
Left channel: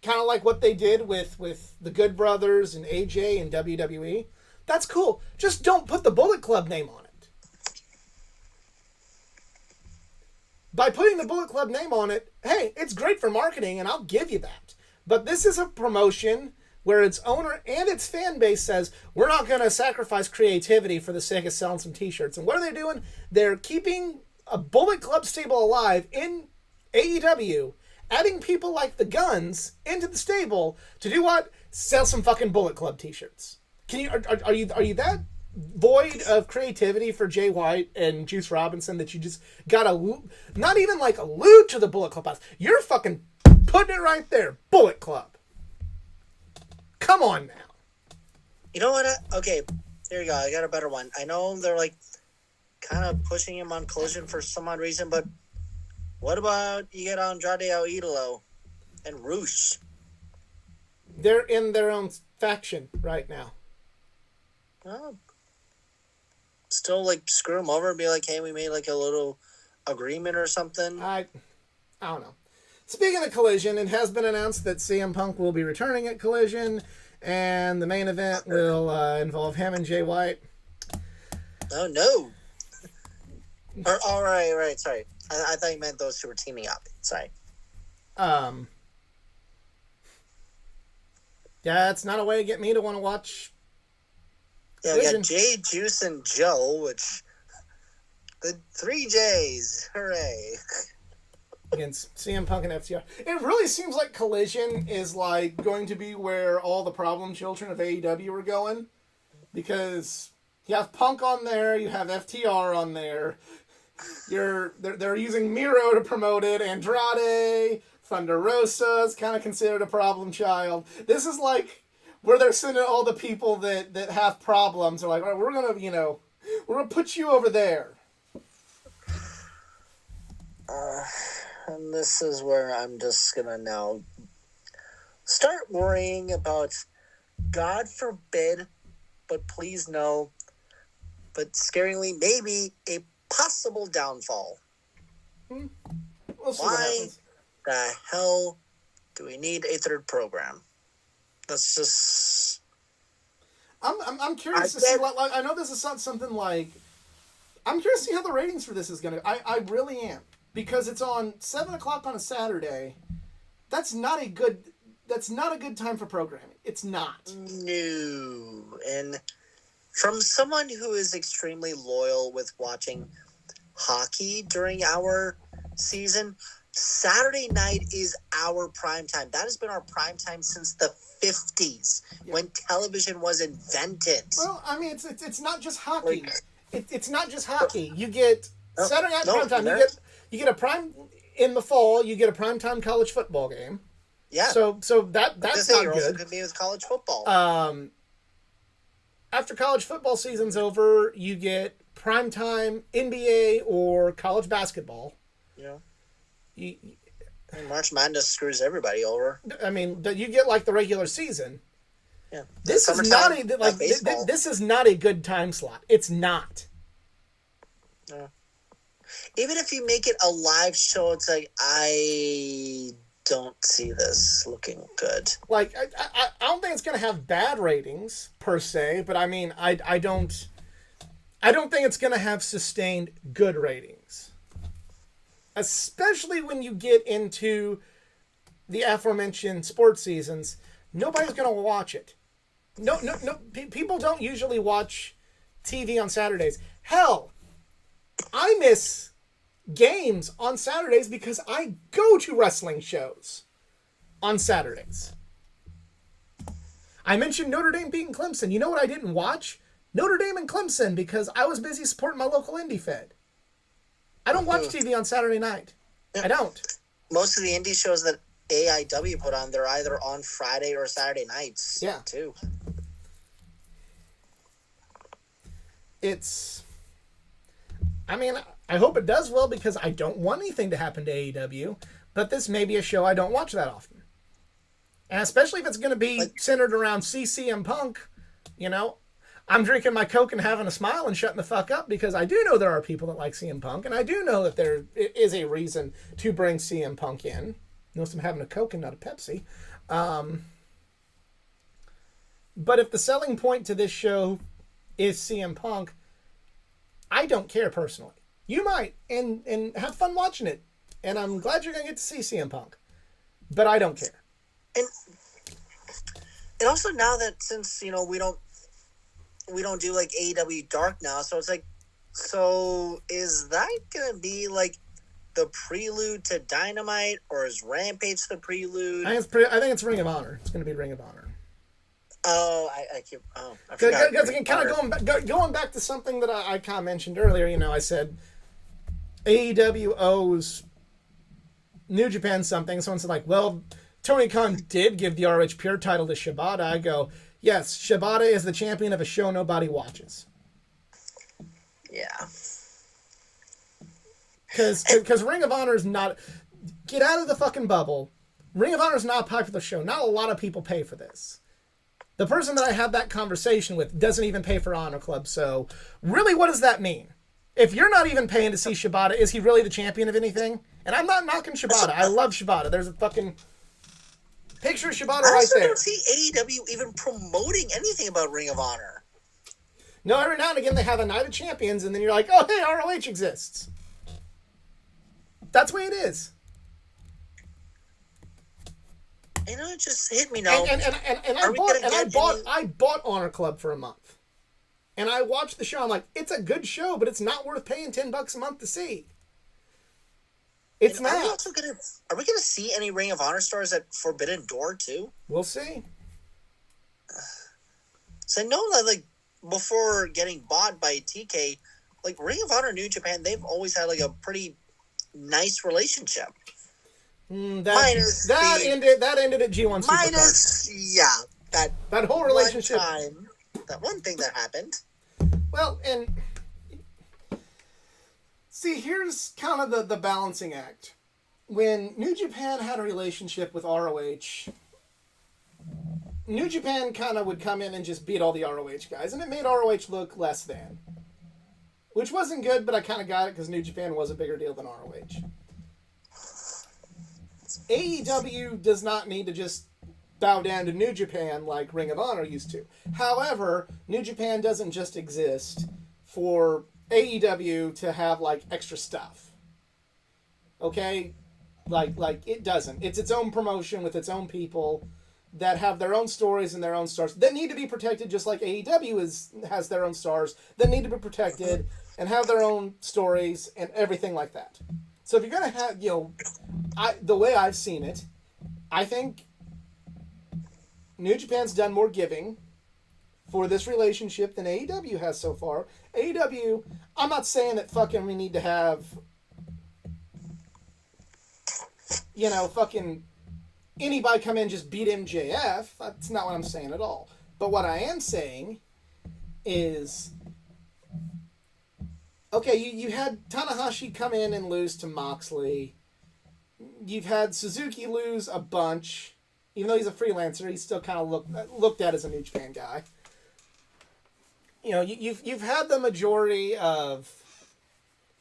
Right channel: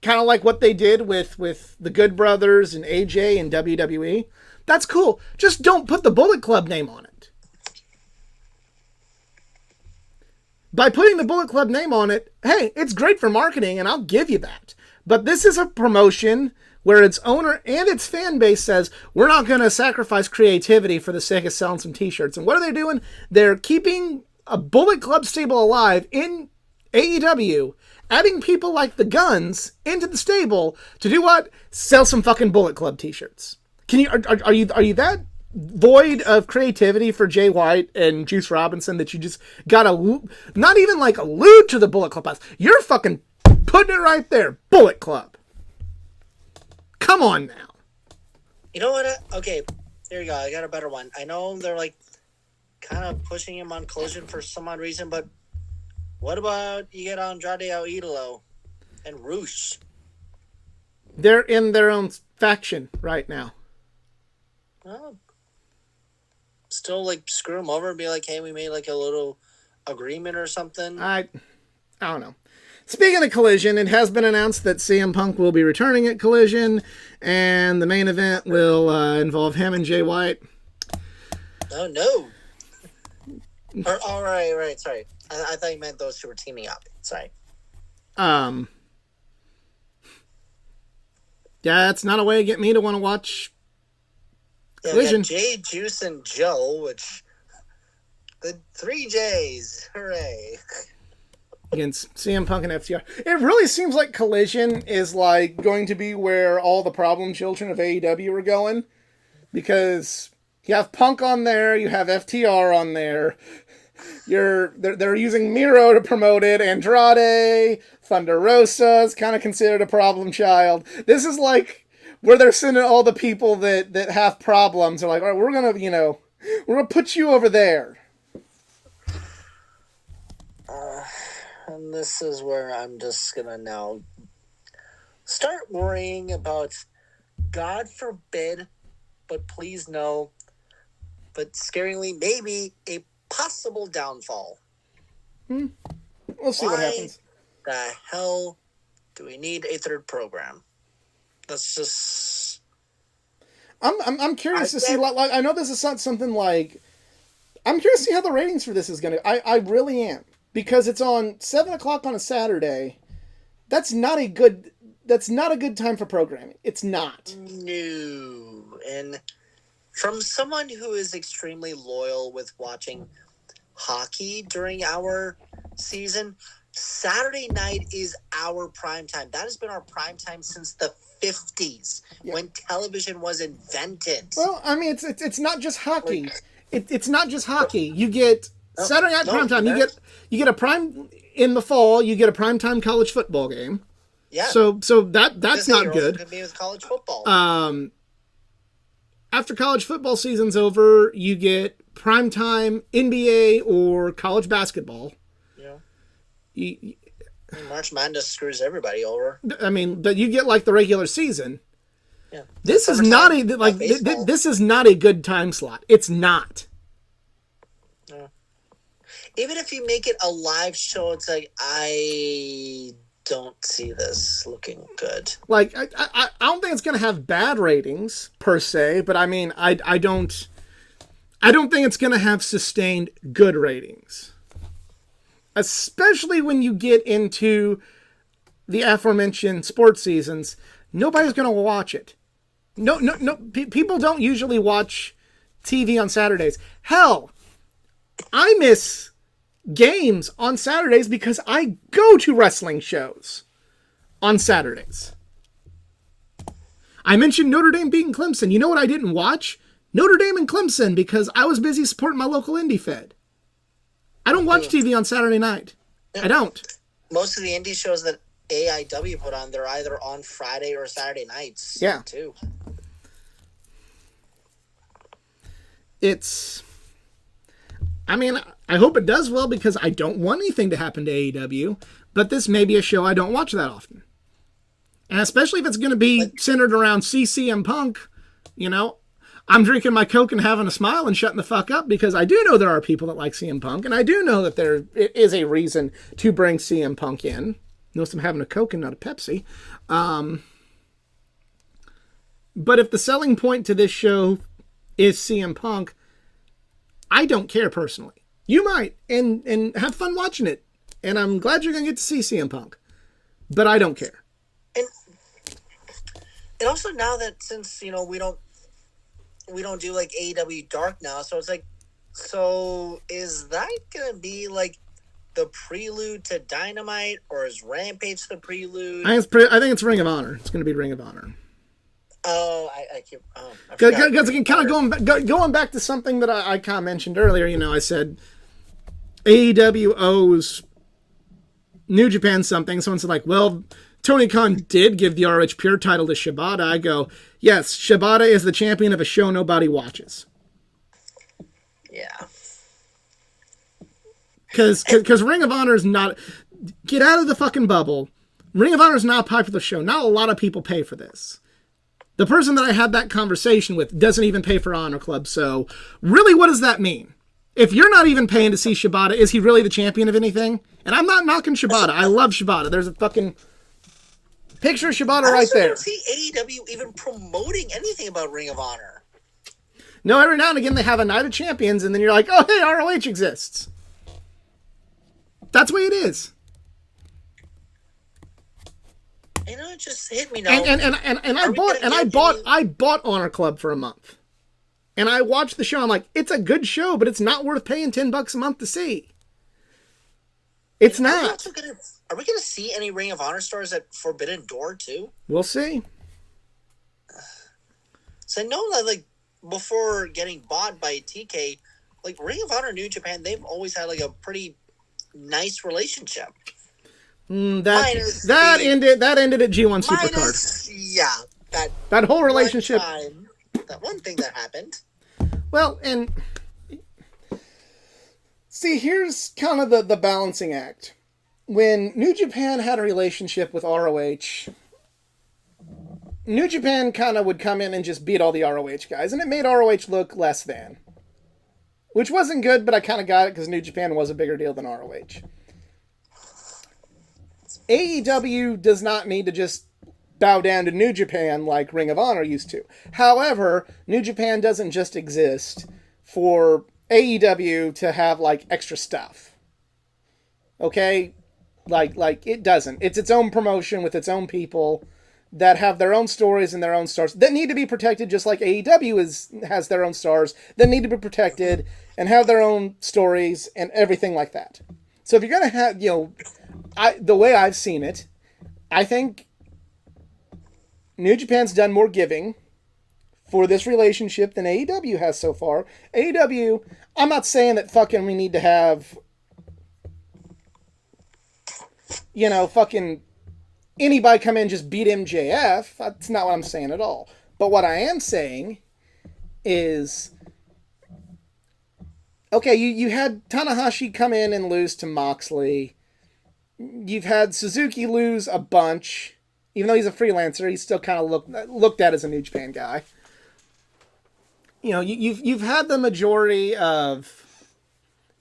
kind of like what they did with the Good Brothers and AJ and WWE, that's cool. Just don't put the Bullet Club name on it. By putting the Bullet Club name on it, hey, it's great for marketing, and I'll give you that. But this is a promotion where its owner and its fan base says, we're not going to sacrifice creativity for the sake of selling some t-shirts. And what are they doing? They're keeping a Bullet Club stable alive in AEW, adding people like the Guns into the stable to do what? Sell some fucking Bullet Club t-shirts. Can you are you that void of creativity for Jay White and Juice Robinson that you just gotta not even like allude to the Bullet Club house? You're fucking putting it right there, Bullet Club. Come on now. You know what? Okay, there you go. I got a better one. I know they're like kind of pushing him on Collision for some odd reason, but what about you get Andrade El Idolo and Roosh? They're in their own faction right now. Well, still like screw them over and be like, hey, we made like a little agreement or something. I don't know. Speaking of Collision, it has been announced that CM Punk will be returning at Collision, and the main event will involve him and Jay White. Oh, no. All right, sorry. I thought you meant those two were teaming up. Sorry. Yeah, that's not a way to get me to want to watch Collision. Yeah, we got Jay, Juice, and Joe, which... The 3 J's. Hooray. against CM Punk and FTR. It really seems like Collision is like going to be where all the problem children of AEW are going, because you have Punk on there, you have FTR on there. They're using Miro to promote it. Andrade, Thunder Rosa is kind of considered a problem child. This is like where they're sending all the people that have problems. They're like, all right, we're gonna put you over there. And this is where I'm just gonna now start worrying about, God forbid, but please no, but scaringly maybe a possible downfall. We'll see what Why happens. the hell do we need a third program? That's just. I'm curious to I see. get- Like, I know this is not something like. I'm curious to see how the ratings for this is gonna. I really am, because it's on 7 o'clock on a Saturday. That's not a good time for programming. It's not. No. And from someone who is extremely loyal with watching hockey during our season, Saturday night is our prime time. That has been our prime time since the 50s, when television was invented. Well, I mean, it's not just hockey. Like- It's not just hockey. You get Saturday night no, prime time. there- You get a prime in the fall. You get a prime time college football game. Yeah. So that's Disney not Girls is good. gonna be with college football. After college football season's over, you get primetime NBA or college basketball. you You, know, March Madness screws everybody over. I mean, but you get like the regular season. Yeah. This is not a Summertime, like baseball. this is not a good time slot. It's not. Even if you make it a live show, it's like, I don't see this looking good. Like I don't think it's gonna have bad ratings per se, but I mean I don't think it's gonna have sustained good ratings. Especially when you get into the aforementioned sports seasons, nobody's gonna watch it. No. People don't usually watch TV on Saturdays. Hell, I miss games on Saturdays because I go to wrestling shows on Saturdays. I mentioned Notre Dame beating Clemson. You know what I didn't watch? Notre Dame and Clemson, because I was busy supporting my local indie fed. I don't watch TV on Saturday night. I don't. Most of the indie shows that AIW put on, they're either on Friday or Saturday nights. Yeah. Too. It's... I mean, I hope it does well, because I don't want anything to happen to AEW, but this may be a show I don't watch that often. And especially if it's going to be centered around CM Punk, you know, I'm drinking my Coke and having a smile and shutting the fuck up, because I do know there are people that like CM Punk, and I do know that there is a reason to bring CM Punk in. Notice I'm having a Coke and not a Pepsi. But if the selling point to this show is CM Punk, I don't care personally. You might, and have fun watching it. And I'm glad you're going to get to see CM Punk. But I don't care. And also now that, since, you know, we don't do like AEW Dark now, so it's like, so is that going to be like the prelude to Dynamite, or is Rampage the prelude? I think it's Ring of Honor. It's going to be Ring of Honor. Oh, I keep. Oh, I forgot. Because again, kind of going back to something that I kind of mentioned earlier, you know, I said AEW owes New Japan something. Someone said, like, well, Tony Khan did give the RH Pure title to Shibata. I go, yes, Shibata is the champion of a show nobody watches. Yeah. Because Ring of Honor is not... Get out of the fucking bubble. Ring of Honor is not a popular show. Not a lot of people pay for this. The person that I had that conversation with doesn't even pay for Honor Club, so really, what does that mean? If you're not even paying to see Shibata, is he really the champion of anything? And I'm not knocking Shibata. I love Shibata. There's a fucking picture of Shibata I right also there. don't see AEW even promoting anything about Ring of Honor. No, every now and again they have a Night of Champions, and then you're like, oh, hey, ROH exists. That's the way it is. You know, it just hit me now. And I bought Honor Club for a month. And I watched the show. I'm like, it's a good show, but it's not worth paying $10 a month to see. It's And Are we not. also gonna? Are we gonna see any Ring of Honor stars at Forbidden Door too? We'll see. So I know that like before getting bought by TK, like Ring of Honor New Japan, they've always had like a pretty nice relationship. That ended at G1 Supercard. Minus, yeah, That whole relationship. That one thing that happened. Well, and see, here's kind of the balancing act. When New Japan had a relationship with ROH, New Japan kind of would come in and just beat all the ROH guys, and it made ROH look less than. Which wasn't good, but I kind of got it because New Japan was a bigger deal than ROH. AEW does not need to just bow down to New Japan like Ring of Honor used to. However, New Japan doesn't just exist for AEW to have like extra stuff. Okay? Like it doesn't. It's its own promotion with its own people that have their own stories and their own stars that need to be protected, just like AEW has their own stars that need to be protected and have their own stories and everything like that. So if you're gonna have, the way I've seen it, I think New Japan's done more giving for this relationship than AEW has so far. AEW, I'm not saying that fucking we need to have, fucking anybody come in and just beat MJF. That's not what I'm saying at all. But what I am saying is, okay, you had Tanahashi come in and lose to Moxley. You've had Suzuki lose a bunch. Even though he's a freelancer, he's still kind of looked at as a New Japan guy. You've had the majority of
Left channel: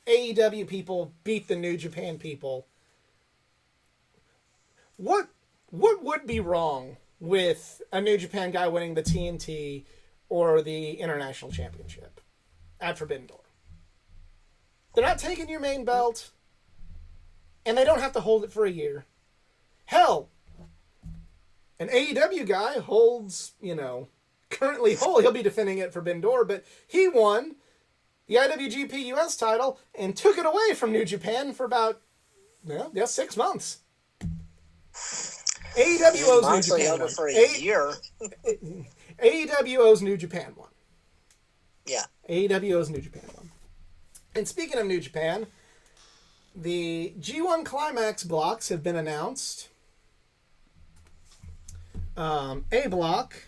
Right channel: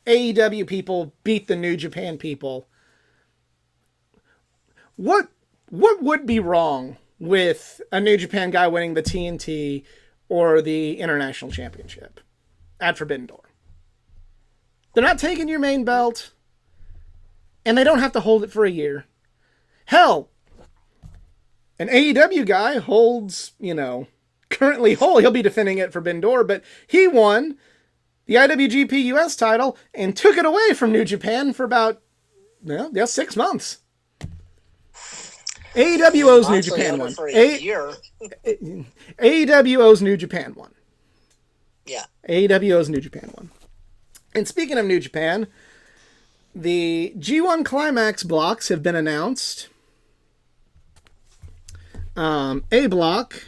AEW people beat the New Japan people. What would be wrong with a New Japan guy winning the TNT or the International Championship at Forbidden Door? They're not taking your main belt, and they don't have to hold it for a year. Hell, an AEW guy holds, currently he'll be defending it for Forbidden Door, but he won the IWGP US title and took it away from New Japan for about, 6 months. AEW owes New Japan one. For a year. AEW owes New Japan one. Yeah. AEW owes New Japan one. And speaking of New Japan, the G1 Climax blocks have been announced. A block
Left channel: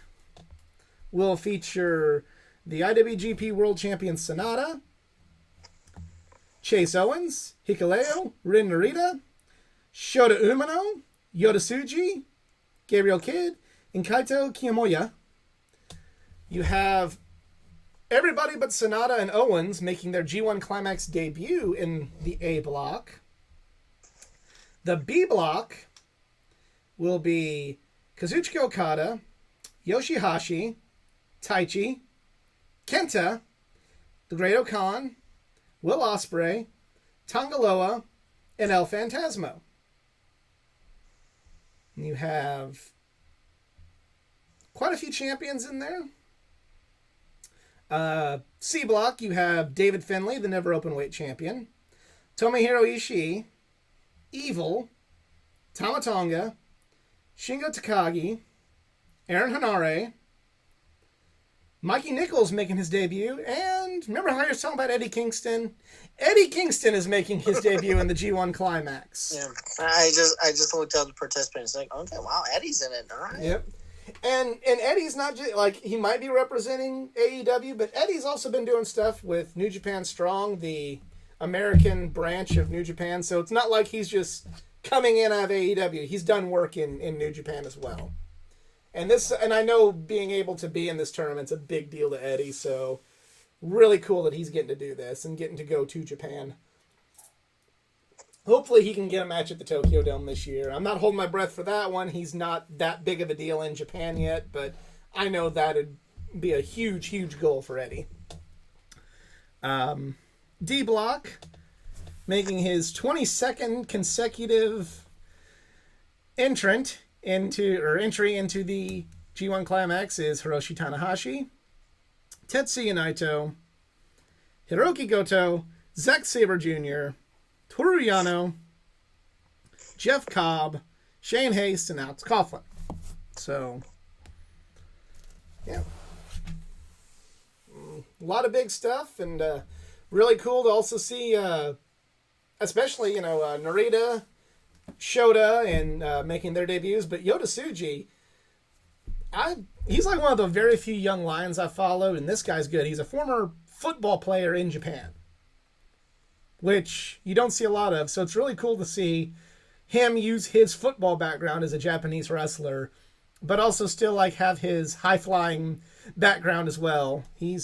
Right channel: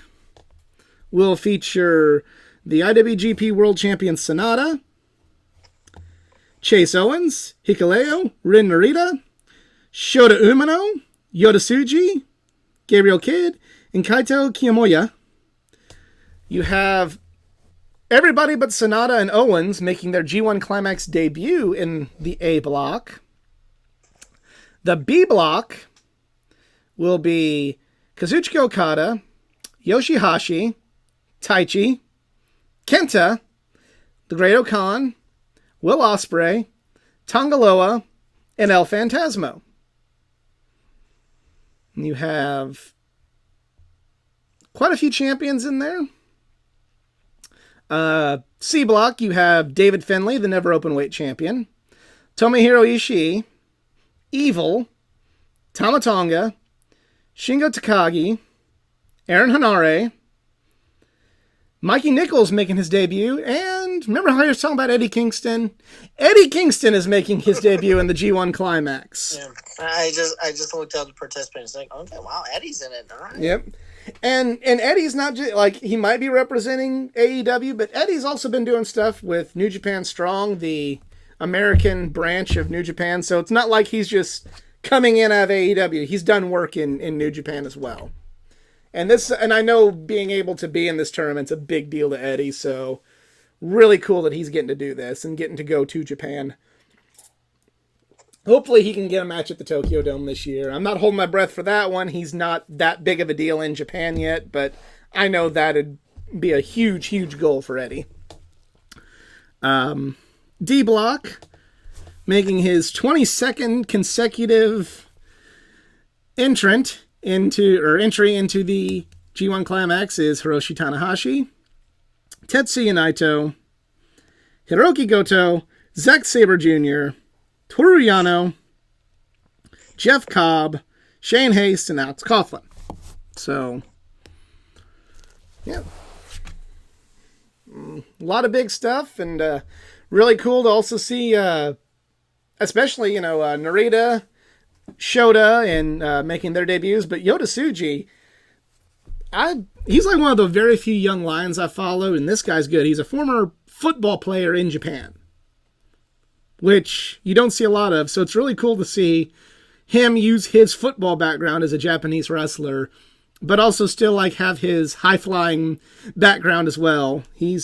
will feature the IWGP World Champion Sonata, Chase Owens, Hikuleo, Rin Narita, Shota Umino, Yota Tsuji, Gabriel Kidd, and Kaito Kiyomiya. You have everybody but Sonata and Owens making their G1 Climax debut in the A block. The B block will be Kazuchika Okada, Yoshihashi, Taichi, Kenta, The Great Okan, Will Ospreay, Tongaloa, and El Phantasmo. And you have quite a few champions in there. C block, you have David Finlay, the never openweight champion, Tomohiro Ishii, Evil, Tama Tonga, Shingo Takagi, Aaron Hanare, Mikey Nichols making his debut, and remember how you were talking about Eddie Kingston? Eddie Kingston is making his debut in the G1 Climax. Yeah, I just looked at the participants like, okay, wow, Eddie's in it, all right. Yep. And Eddie's not just, like, he might be representing AEW, but Eddie's also been doing stuff with New Japan Strong, the American branch of New Japan, so it's not like he's just coming in out of AEW. He's done work in New Japan as well. And I know being able to be in this tournament's a big deal to Eddie, so really cool that he's getting to do this and getting to go to Japan. Hopefully he can get a match at the Tokyo Dome this year. I'm not holding my breath for that one. He's not that big of a deal in Japan yet, but I know that'd be a huge, huge goal for Eddie. D Block, making his 22nd consecutive entry into the G1 Climax is Hiroshi Tanahashi, Tetsuya Naito, Hiroki Goto, Zack Sabre Jr., Toru Yano, Jeff Cobb, Shane Haste, and Alex Coughlin. So, yeah. A lot of big stuff, and really cool to also see, especially, Narita, Shota, and making their debuts. But Yota Tsuji, he's like one of the very few young lions I follow, and this guy's good. He's a former football player in Japan, which you don't see a lot of. So it's really cool to see him use his football background as a Japanese wrestler, but also still like have his high-flying background as well. He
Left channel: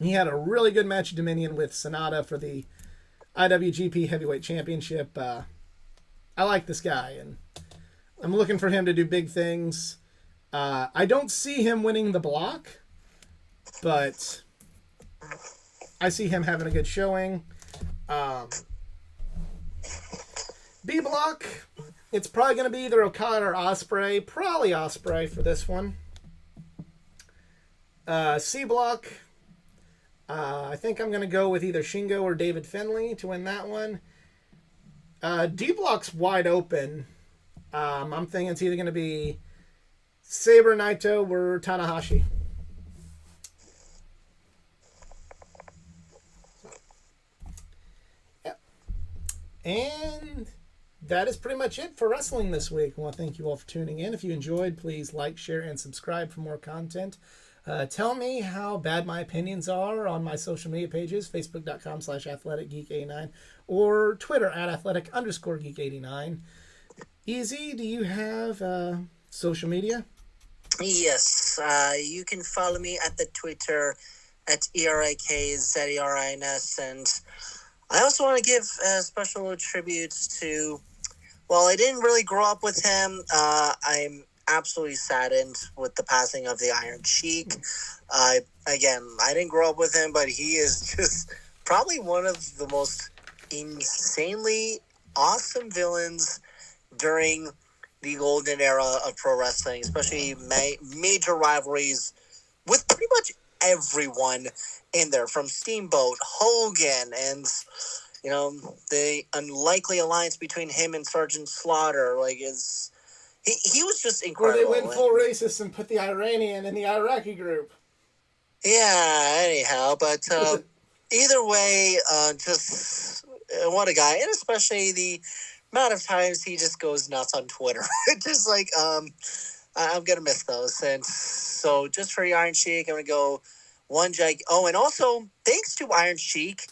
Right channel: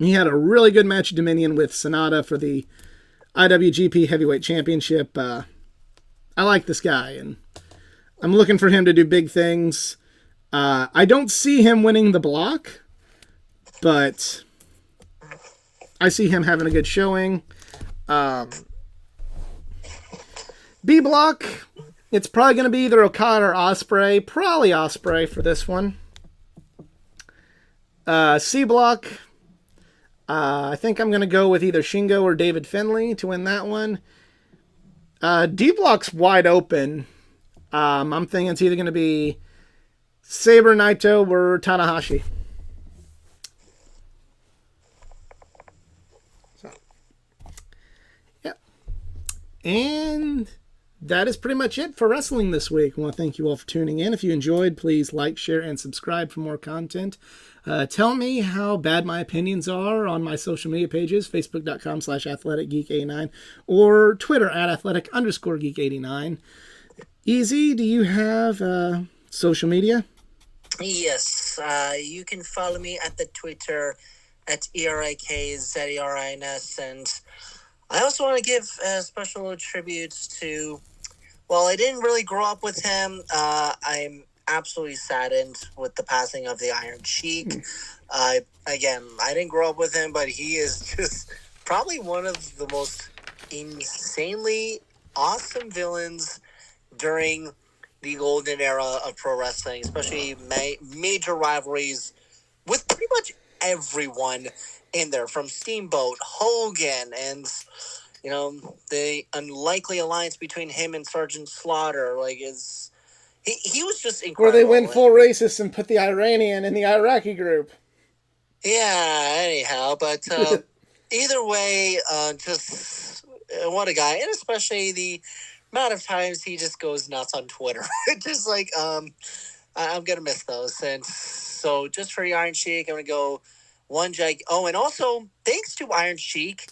had a really good match at Dominion with Sonata for the IWGP Heavyweight Championship. I like this guy, and I'm looking for him to do big things. I don't see him winning the block, but I see him having a good showing. B block, it's probably going to be either Okada or Ospreay. Probably Ospreay for this one. C block, I think I'm going to go with either Shingo or David Finlay to win that one. D block's wide open. I'm thinking it's either going to be Sabre, Naito, or Tanahashi. So, yeah. And that is pretty much it for wrestling this week. I want to thank you all for tuning in. If you enjoyed, please like, share, and subscribe for more content. Tell me how bad my opinions are on my social media pages, facebook.com/athleticgeek89 or Twitter @athletic_geek89. Easy, do you have social media? Yes, you can follow me at the Twitter at ERIKZERINS, and I also want to give special tributes to, well, I didn't really grow up with him. I'm absolutely saddened with the passing of the Iron Sheik. I didn't grow up with him, but he is just probably one of the most insanely awesome villains during the golden era of pro wrestling, especially major rivalries with pretty much everyone in there, from Steamboat, Hogan, and the unlikely alliance between him and Sergeant Slaughter. He was just incredible. Where they went full racist and put the Iranian in the Iraqi group. Yeah, anyhow, but either way, just what a guy, and especially the amount of times he just goes nuts on Twitter. Just like, I'm going to miss those. And so just for the Iron Sheik, I'm going to go and also, thanks to Iron Sheik,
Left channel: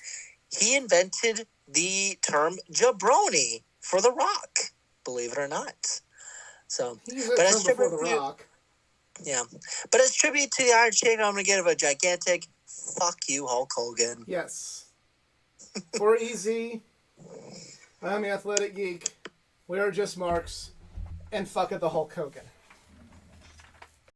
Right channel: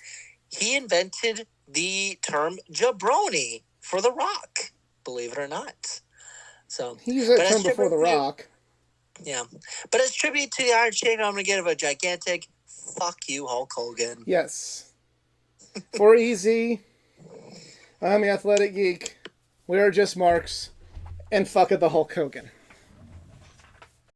he invented the term jabroni for The Rock, believe it or not. So, he's a term before The Rock. Yeah. But as tribute to the Iron Sheik, I'm going to give a gigantic fuck you, Hulk Hogan. Yes. For Easy, I'm the Athletic Geek. We are just marks. And fuck it, the Hulk Hogan.